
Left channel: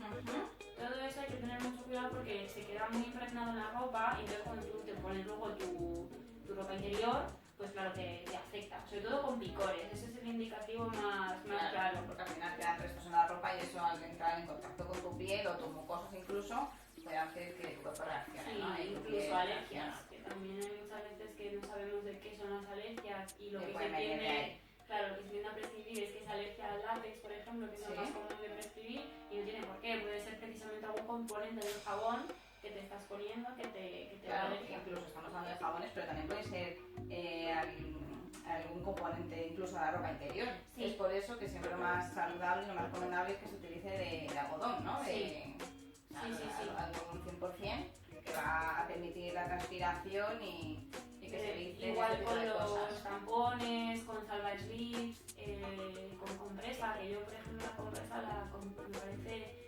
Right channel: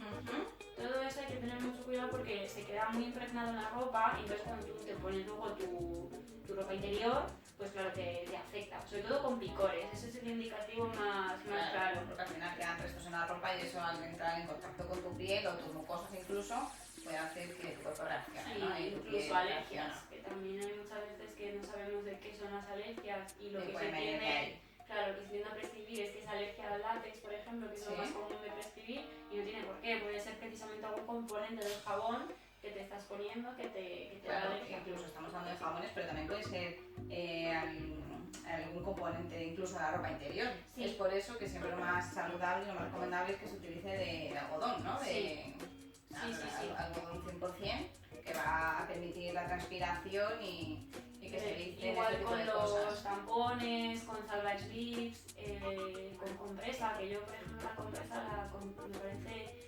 Todo eso hay que tener mucho cuidado porque se queda muy impregnado en la ropa y entonces cuando tú te pones luego tu ropa interior, pues claro que te afecta, sobre todo con picores, ese es el indicativo más claro. Porque al final quedan restos en la ropa y eso al entrar en contacto con tu piel o tus mucosas incluso puede hacer que tu cuerpo reaccione, ¿no? Incluso alergias, que también hay muchas veces que no sabemos de qué son las alergias y lo que se tiene, claro, claro, lo que se tiende a prescribir es que es alergia al látex, por ejemplo, que es lo más común de prescribir, y no tiene por qué, puede ser precisamente algún componente del jabón que te estás poniendo que te da alergia. Incluso estamos hablando de jabones, pero también puede ser algún componente incluso de la ropa interior. Sí. Es por eso que siempre lo más saludable y lo más recomendable es que se utilice de algodón, ¿no? Algodón 100%, que va a permitir la transpiración y que se evite igual con los tampones, con salvage lips, con compresa, que yo por ejemplo la compresa me parece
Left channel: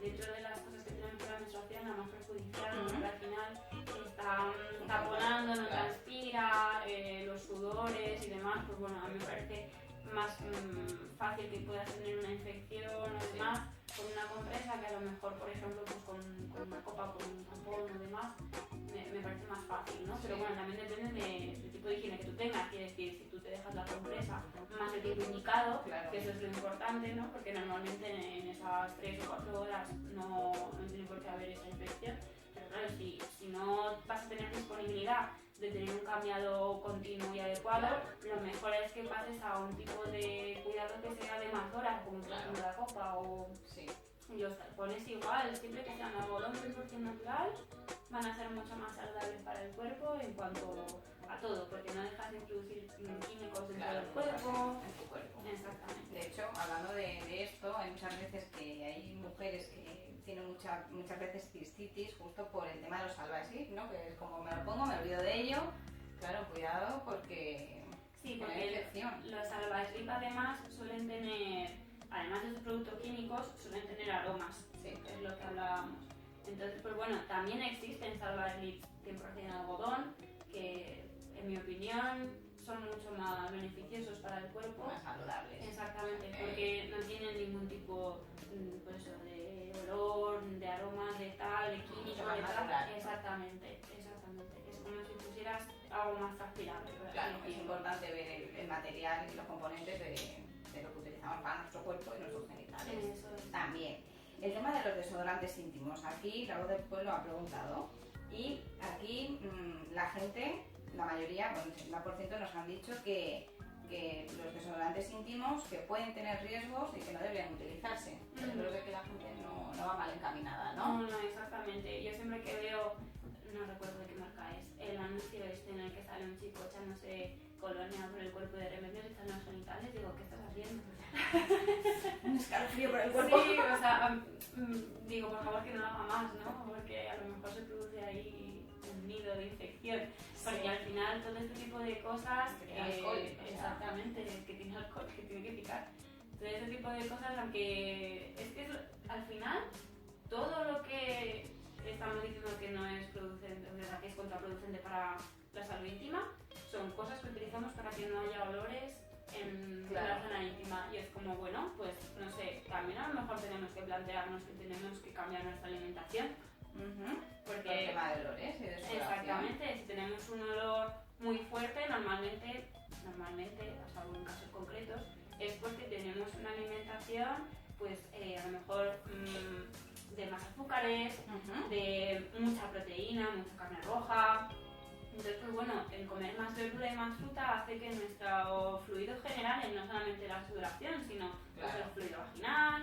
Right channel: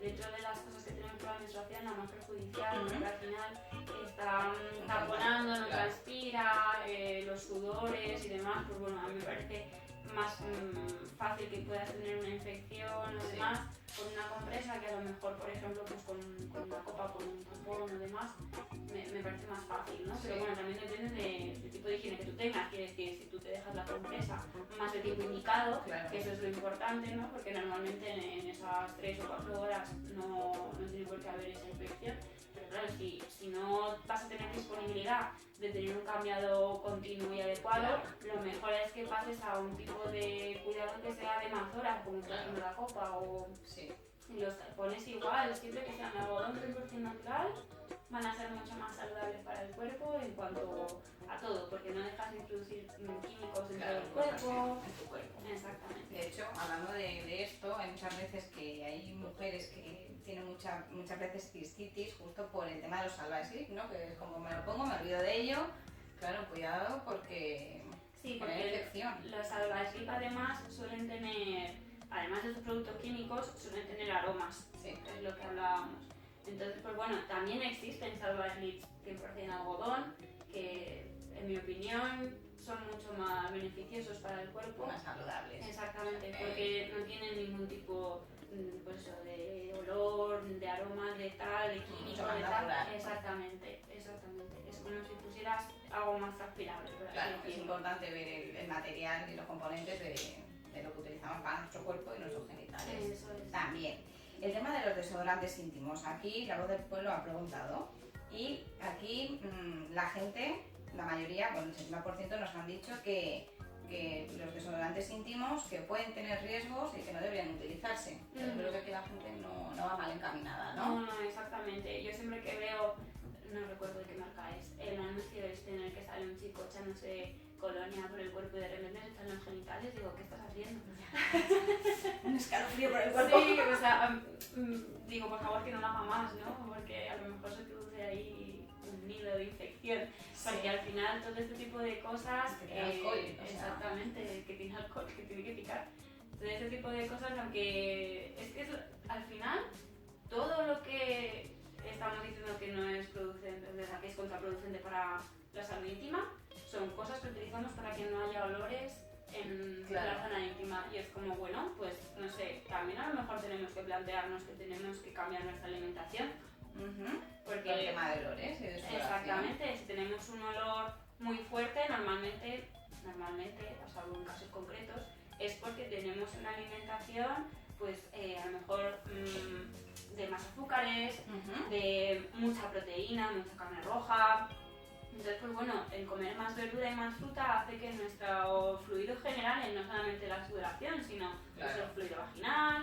dentro de las cosas que tenemos por la menstruación la más perjudicial, porque al final está taponando, no transpira, los sudores y demás, pues bueno, a mí me parece más fácil que puedas tener una infección o demás con una compresa que a lo mejor, por ejemplo, pues con una copa, con un tampón o demás, me parece más fácil, ¿no? Pero bueno, también depende del tipo de higiene que tú tengas, quiere decir, si tú te dejas la compresa más del tiempo indicado, que eso es lo importante, ¿no? Porque normalmente en esas 3 o 4 horas no tiene por qué haber esa infección, pero claro, si no vas a tener disponibilidad de tener un cambiado continuo y adecuado, lo mejor es que pases a un tipo de cuidado que sea de más horas, como por ejemplo la copa o... Y los tapones igual, siempre que sean algodón 100% natural, van a ser mucho más saludables para el cuerpo en cuanto a todo, porque no dejas de introducir químicos dentro del cuerpo. En tu cuerpo. Exactamente. De hecho, hablando de esto, hay muchas veces que hay mujeres que tienen muchas veces cistitis justo por el tema de los salvage lips, ¿no? Que es como me lo pongo, me olvido de ello. Claro, cuidado porque... Sí, porque los salvage lips además suelen tener... Además de estos productos químicos, suelen tener aromas, es lo que hablábamos. Entonces, pues bueno, también existen salvage lips 100% algodón, que en mi opinión son mucho más beneficiosos para el cuerpo. Más saludables. Exactamente, porque no tienen ningún tipo pues, de olor, de aromas, de tal, de químico, de tal. Exactamente. Es como si pusieras algo más transpirable. Claro, es importante ver el material y los componentes de lo que utilizamos para nuestro cuerpo y nuestros genitales. También. El tema de los desodorantes íntimos. Aquí la voz del pueblo ha preguntado y aquí la gente, la mayoría, bueno, el 70% nos han dicho que los desodorantes íntimos que pueden tener riesgos y que no deberían utilizarse. Yo creo que aquí la gente no va mal encaminada, ¿no? No, exactamente. Yo siempre que veo, no recuerdo de qué marca es, el anuncio en el que sale un chico echándose colonia por el cuerpo y de repente se echan los genitales, digo, ¿qué estás haciendo? Un escalofrío por el cuerpo. Sí, o sea, digo, por favor que no lo haga más, ¿no? Porque a lo mejor se produce ahí un nido de infección. Porque al final todo este tipo de cosas... Que tiene alcohol, exactamente, que tiene alcohol, que tiene que picar. Todo este tipo de cosas, aunque es que al final todo lo que estamos diciendo que no es producente, o sea, que es contraproducente para la salud íntima, son cosas que utilizamos para que no haya olores en la zona íntima. Y es como, bueno, pues no sé, también a lo mejor tenemos que plantearnos que tenemos que cambiar nuestra alimentación. Porque el tema de olores y de sudoración. Exactamente, si tenemos un olor muy fuerte, normalmente, a salvo en casos concretos, es porque tenemos una alimentación, pues a lo mejor de más azúcares, de mucha proteína, mucha carne roja. Entonces, pues bueno, el comer más verdura y más fruta hace que nuestro fluido general, no solamente la sudoración, sino el fluido vaginal,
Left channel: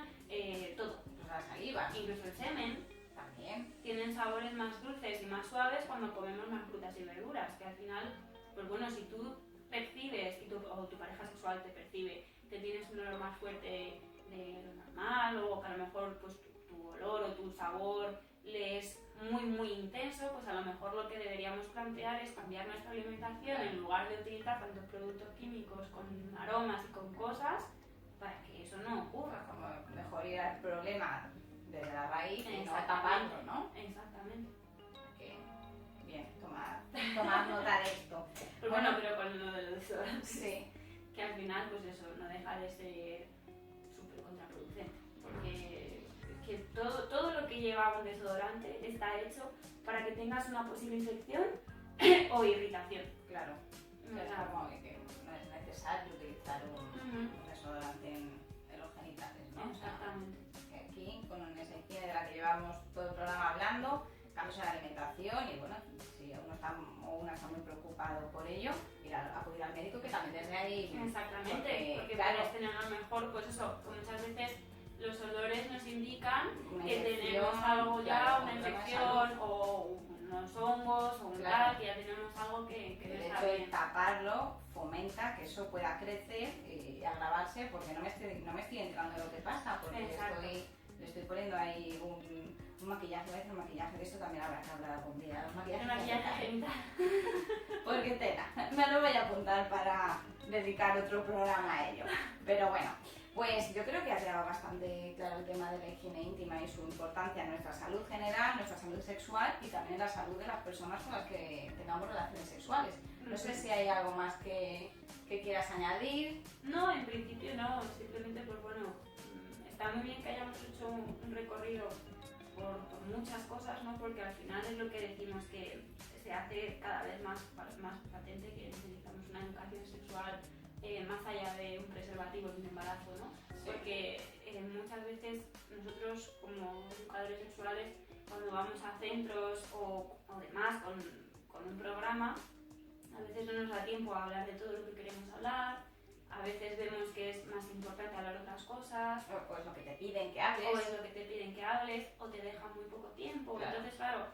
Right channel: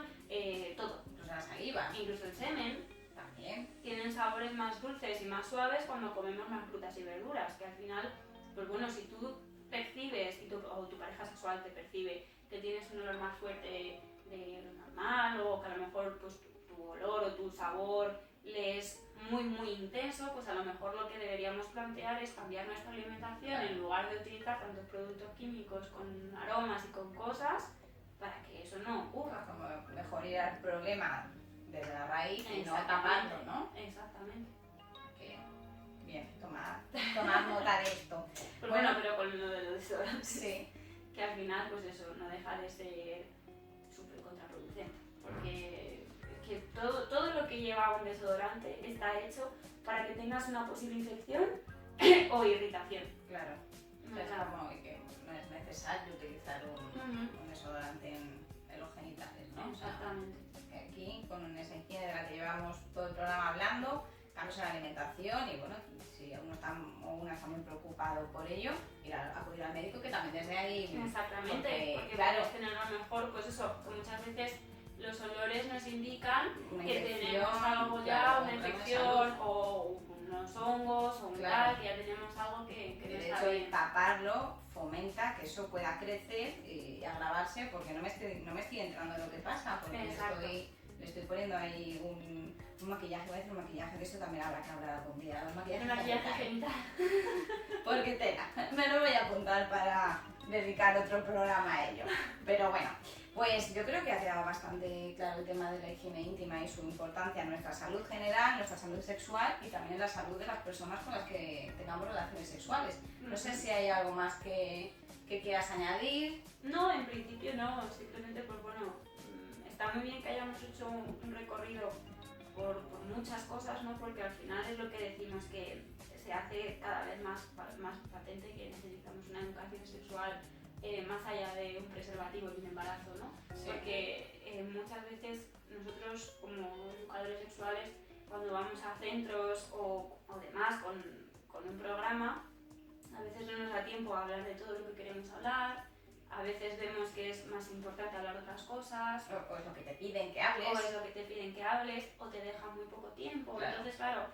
todo. Incluso la saliva. Incluso el semen. También. Tienen sabores más dulces y más suaves cuando comemos más frutas y verduras, que al final, pues bueno, si tú percibes, o tu pareja sexual te percibe que tienes un olor más fuerte de lo normal, o que a lo mejor pues tu olor o tu sabor le es muy muy intenso, pues a lo mejor lo que deberíamos plantear es cambiar nuestra alimentación en lugar de utilizar tantos productos químicos con aromas y con cosas para que eso no ocurra. Como mejor ir al problema desde la raíz y no tapando, ¿no? Exactamente. Okay. Bien, tomad nota de esto. Pues bueno, pero con lo de los desodorantes, sí, que al final pues eso no deja de ser súper contraproducente, porque que todo lo que lleva un desodorante está hecho para que tengas una posible infección o irritación. Claro. Es como que no es necesario utilizar un desodorante en los genitales, ¿no? Exactamente. O sea, aquí, con esa higiene de la que llevamos todo el programa hablando, cambios en la alimentación y bueno, si uno está o una está muy preocupado por ello, ir a acudir al médico, que también desde ahí... Exactamente, porque claro, puedes tener a lo mejor, pues eso, que muchas veces los olores nos indican una que infección, tenemos algo ya, claro, una un problema de infección salud. o unos hongos o un Claro. tal, que ya tenemos algo que El no está hecho de bien. taparlo fomenta que eso pueda crecer y agravarse, porque no me estoy enterando de lo que pasa, porque Exacto. le estoy poniendo ahí un maquillaje, voy a decir un maquillaje, de eso también habrá que hablar algún día, un El maquillaje maquillaje genital. genital. Porque tela, me lo voy a apuntar para dedicar otro programa a ello. Pero bueno, pues yo creo que ha quedado bastante claro el tema de la higiene íntima y su importancia en nuestra salud general, nuestra salud sexual y también en la salud de las personas con las que tengamos relaciones sexuales. No sé si hay algo más que quieras añadir. No, en principio no, simplemente pues bueno, está muy bien que hayamos hecho un recorrido por muchas cosas, ¿no? Porque al final es lo que decimos, que se hace cada vez más patente que necesitamos una educación sexual más allá de un preservativo y un embarazo, ¿no? Sí. Porque muchas veces nosotros como educadores sexuales, cuando vamos a centros o demás con un programa, a veces no nos da tiempo a hablar de todo lo que queremos hablar. A veces vemos que es más importante hablar otras cosas. O es lo que te piden que hables. O es lo que te piden que hables, o te dejan muy poco tiempo. Claro. Entonces, claro,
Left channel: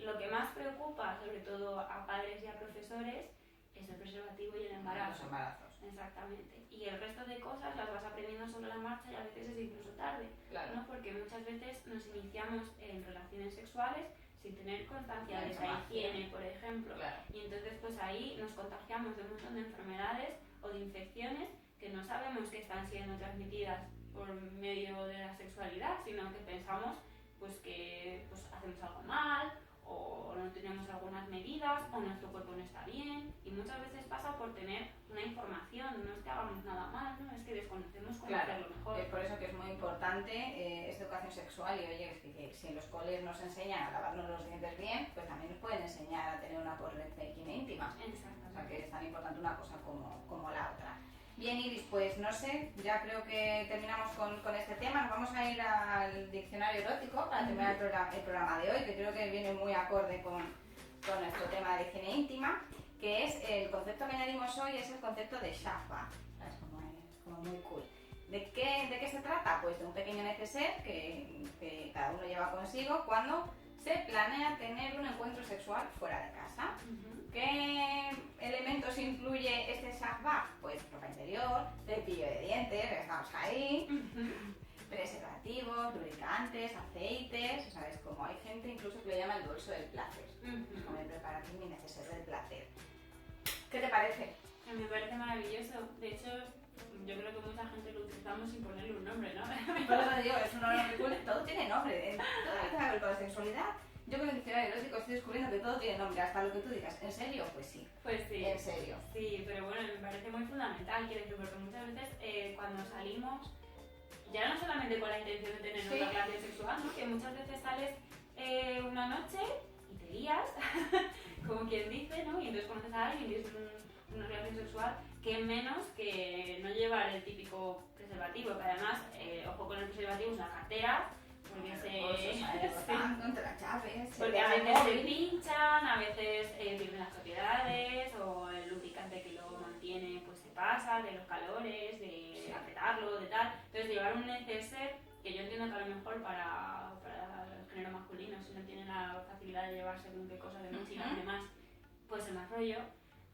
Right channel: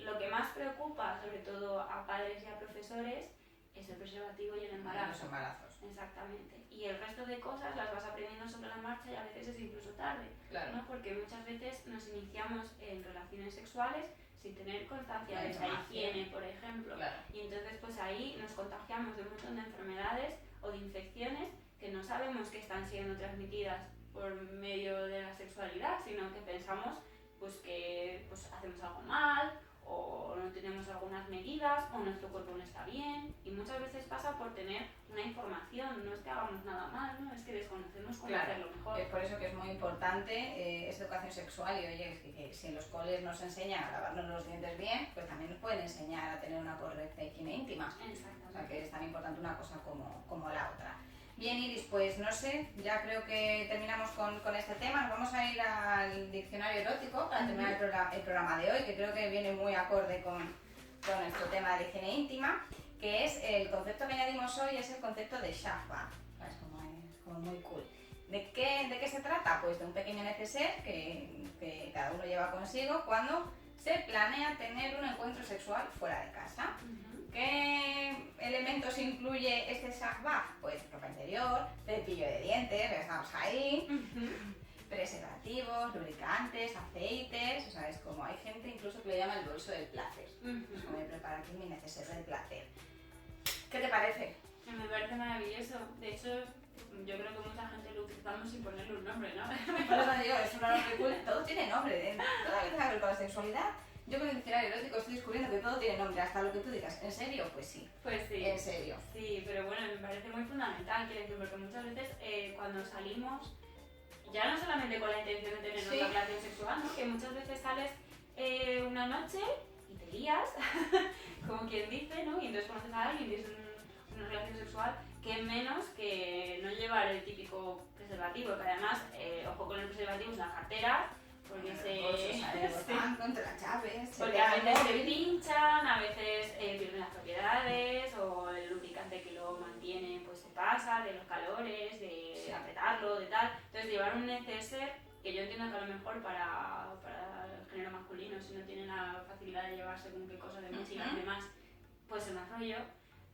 lo que más preocupa, sobre todo a padres y a profesores, es el preservativo y el embarazo. Los embarazos. Exactamente. Y el resto de cosas las vas aprendiendo sobre la marcha y a veces es incluso tarde. Claro. ¿No? Porque muchas veces nos iniciamos en relaciones sexuales sin tener constancia de esa higiene, por ejemplo. Claro. Y entonces pues ahí nos contagiamos de un montón de enfermedades o de infecciones que no sabemos que están siendo transmitidas por medio de la sexualidad, sino que pensamos pues que pues hacemos algo mal o no tenemos algunas medidas o nuestro cuerpo no está bien, y muchas veces pasa por tener una información, no es que hagamos nada mal, ¿no? Es que desconocemos cómo hacerlo mejor. Es por eso que es muy importante esta educación sexual, y oye, que si en los coles nos enseñan a lavarnos los dientes bien, pues también nos pueden enseñar a tener una correcta higiene íntima. Exactamente. O sea que es tan importante una cosa como la otra. Bien, Iris, pues no sé, ya creo que terminamos con este tema. Nos vamos a ir al diccionario erótico para terminar el programa de hoy, que creo que viene muy acorde con nuestro tema de higiene íntima, que es el concepto que añadimos hoy, es el concepto de shahwa. Es como muy cool. ¿De qué se trata? Pues de un pequeño neceser que cada uno lleva consigo cuando se planea tener un encuentro sexual fuera de casa. ¿Qué elementos incluye este shahwa? Pues ropa interior, cepillo de dientes, estamos ahí, preservativos, lubricantes, aceites, o sea, es como hay gente incluso que le llama el bolso del placer. Es como me preparo aquí mi neceser del placer. ¿Qué te parece? Me parece maravilloso. De hecho, yo creo que mucha gente lo utilizamos sin ponerle un nombre, ¿no? Por eso te digo, es un nombre cool, todo tiene nombre. Todo lo que tenga que ver con la sexualidad. Yo con el diccionario erótico estoy descubriendo que todo tiene nombre, hasta lo que tú digas. ¿En serio? Pues sí. Pues sí. En serio. Sí, pero bueno, me parece muy fundamental, quiero decir, porque muchas veces cuando salimos, ya no solamente con la intención de tener una relación sexual, ¿no? Que muchas veces sales una noche y te lías, como quien dice, ¿no? Y entonces conoces a alguien y es una relación sexual, que menos que no llevar el típico preservativo, que además, ojo con el preservativo, es una cartera, porque contra las llaves, porque a veces se pinchan, a veces pierden las propiedades, o el lubricante que lo mantiene pues se pasa de los calores, de apretarlo, de tal. Entonces llevar un neceser, que yo entiendo que a lo mejor para el género masculino, si no tienen la facilidad de llevar según qué cosas de mochila y demás, pues es más rollo.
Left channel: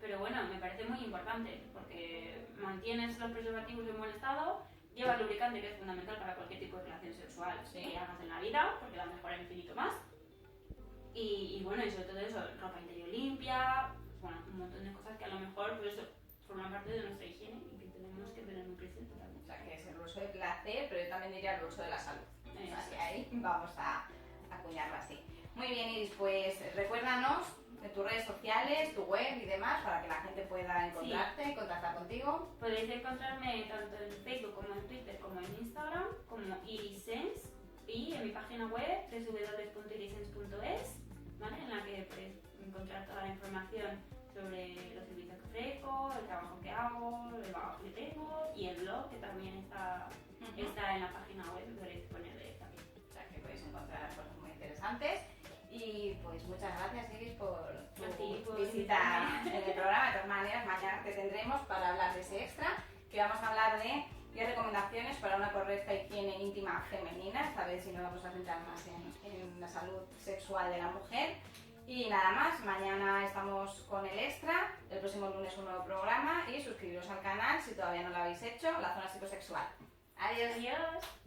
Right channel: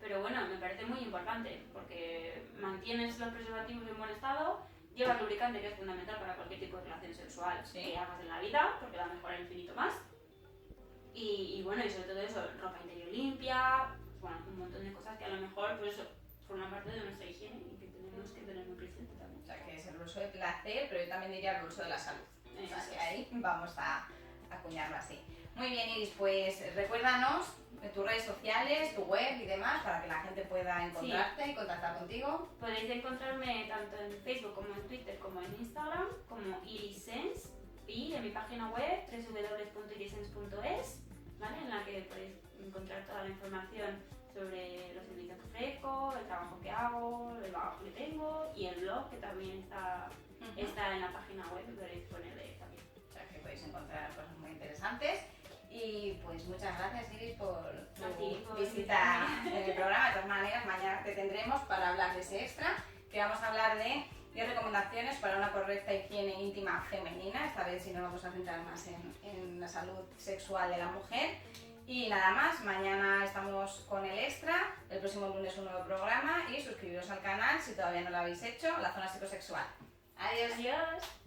Pero bueno, me parece muy importante, porque mantienes los preservativos en buen estado, llevas lubricante, que es fundamental para cualquier tipo de relación sexual que hagas en la vida, porque va a mejorar infinito más. Y bueno, y sobre todo eso, ropa interior limpia, bueno, un montón de cosas que a lo mejor pues eso, forman parte de nuestra higiene y que tenemos que tener muy presente también. O sea, que es el bolso de placer, pero yo también diría el bolso de la salud. O sea, que ahí vamos a acuñarlo así. Muy bien, Iris, pues recuérdanos de tus redes sociales, tu web y demás, para que la gente pueda encontrarte y contactar contigo. Podéis encontrarme tanto en Facebook como en Twitter como en Instagram como Irisense, y en mi página web www.irisense.es, ¿vale? En la que podéis encontrar toda la información sobre los servicios que ofrezco, el trabajo que hago, el trabajo que tengo, y el blog, que también está en la página web, y podéis ponerle también. O sea, que podéis encontrar cosas muy interesantes. Y pues muchas gracias, Iris, por tu por visita en el programa. De todas maneras, mañana te tendremos para hablar de ese extra, que vamos a hablar de 10 recomendaciones para una correcta higiene íntima femenina. Esta vez sí nos vamos a centrar más en la salud sexual de la mujer. Y nada más, mañana estamos con el extra, el próximo lunes un nuevo programa y suscribiros al canal si todavía no lo habéis hecho, La Zona Psicosexual. Adiós. Adiós.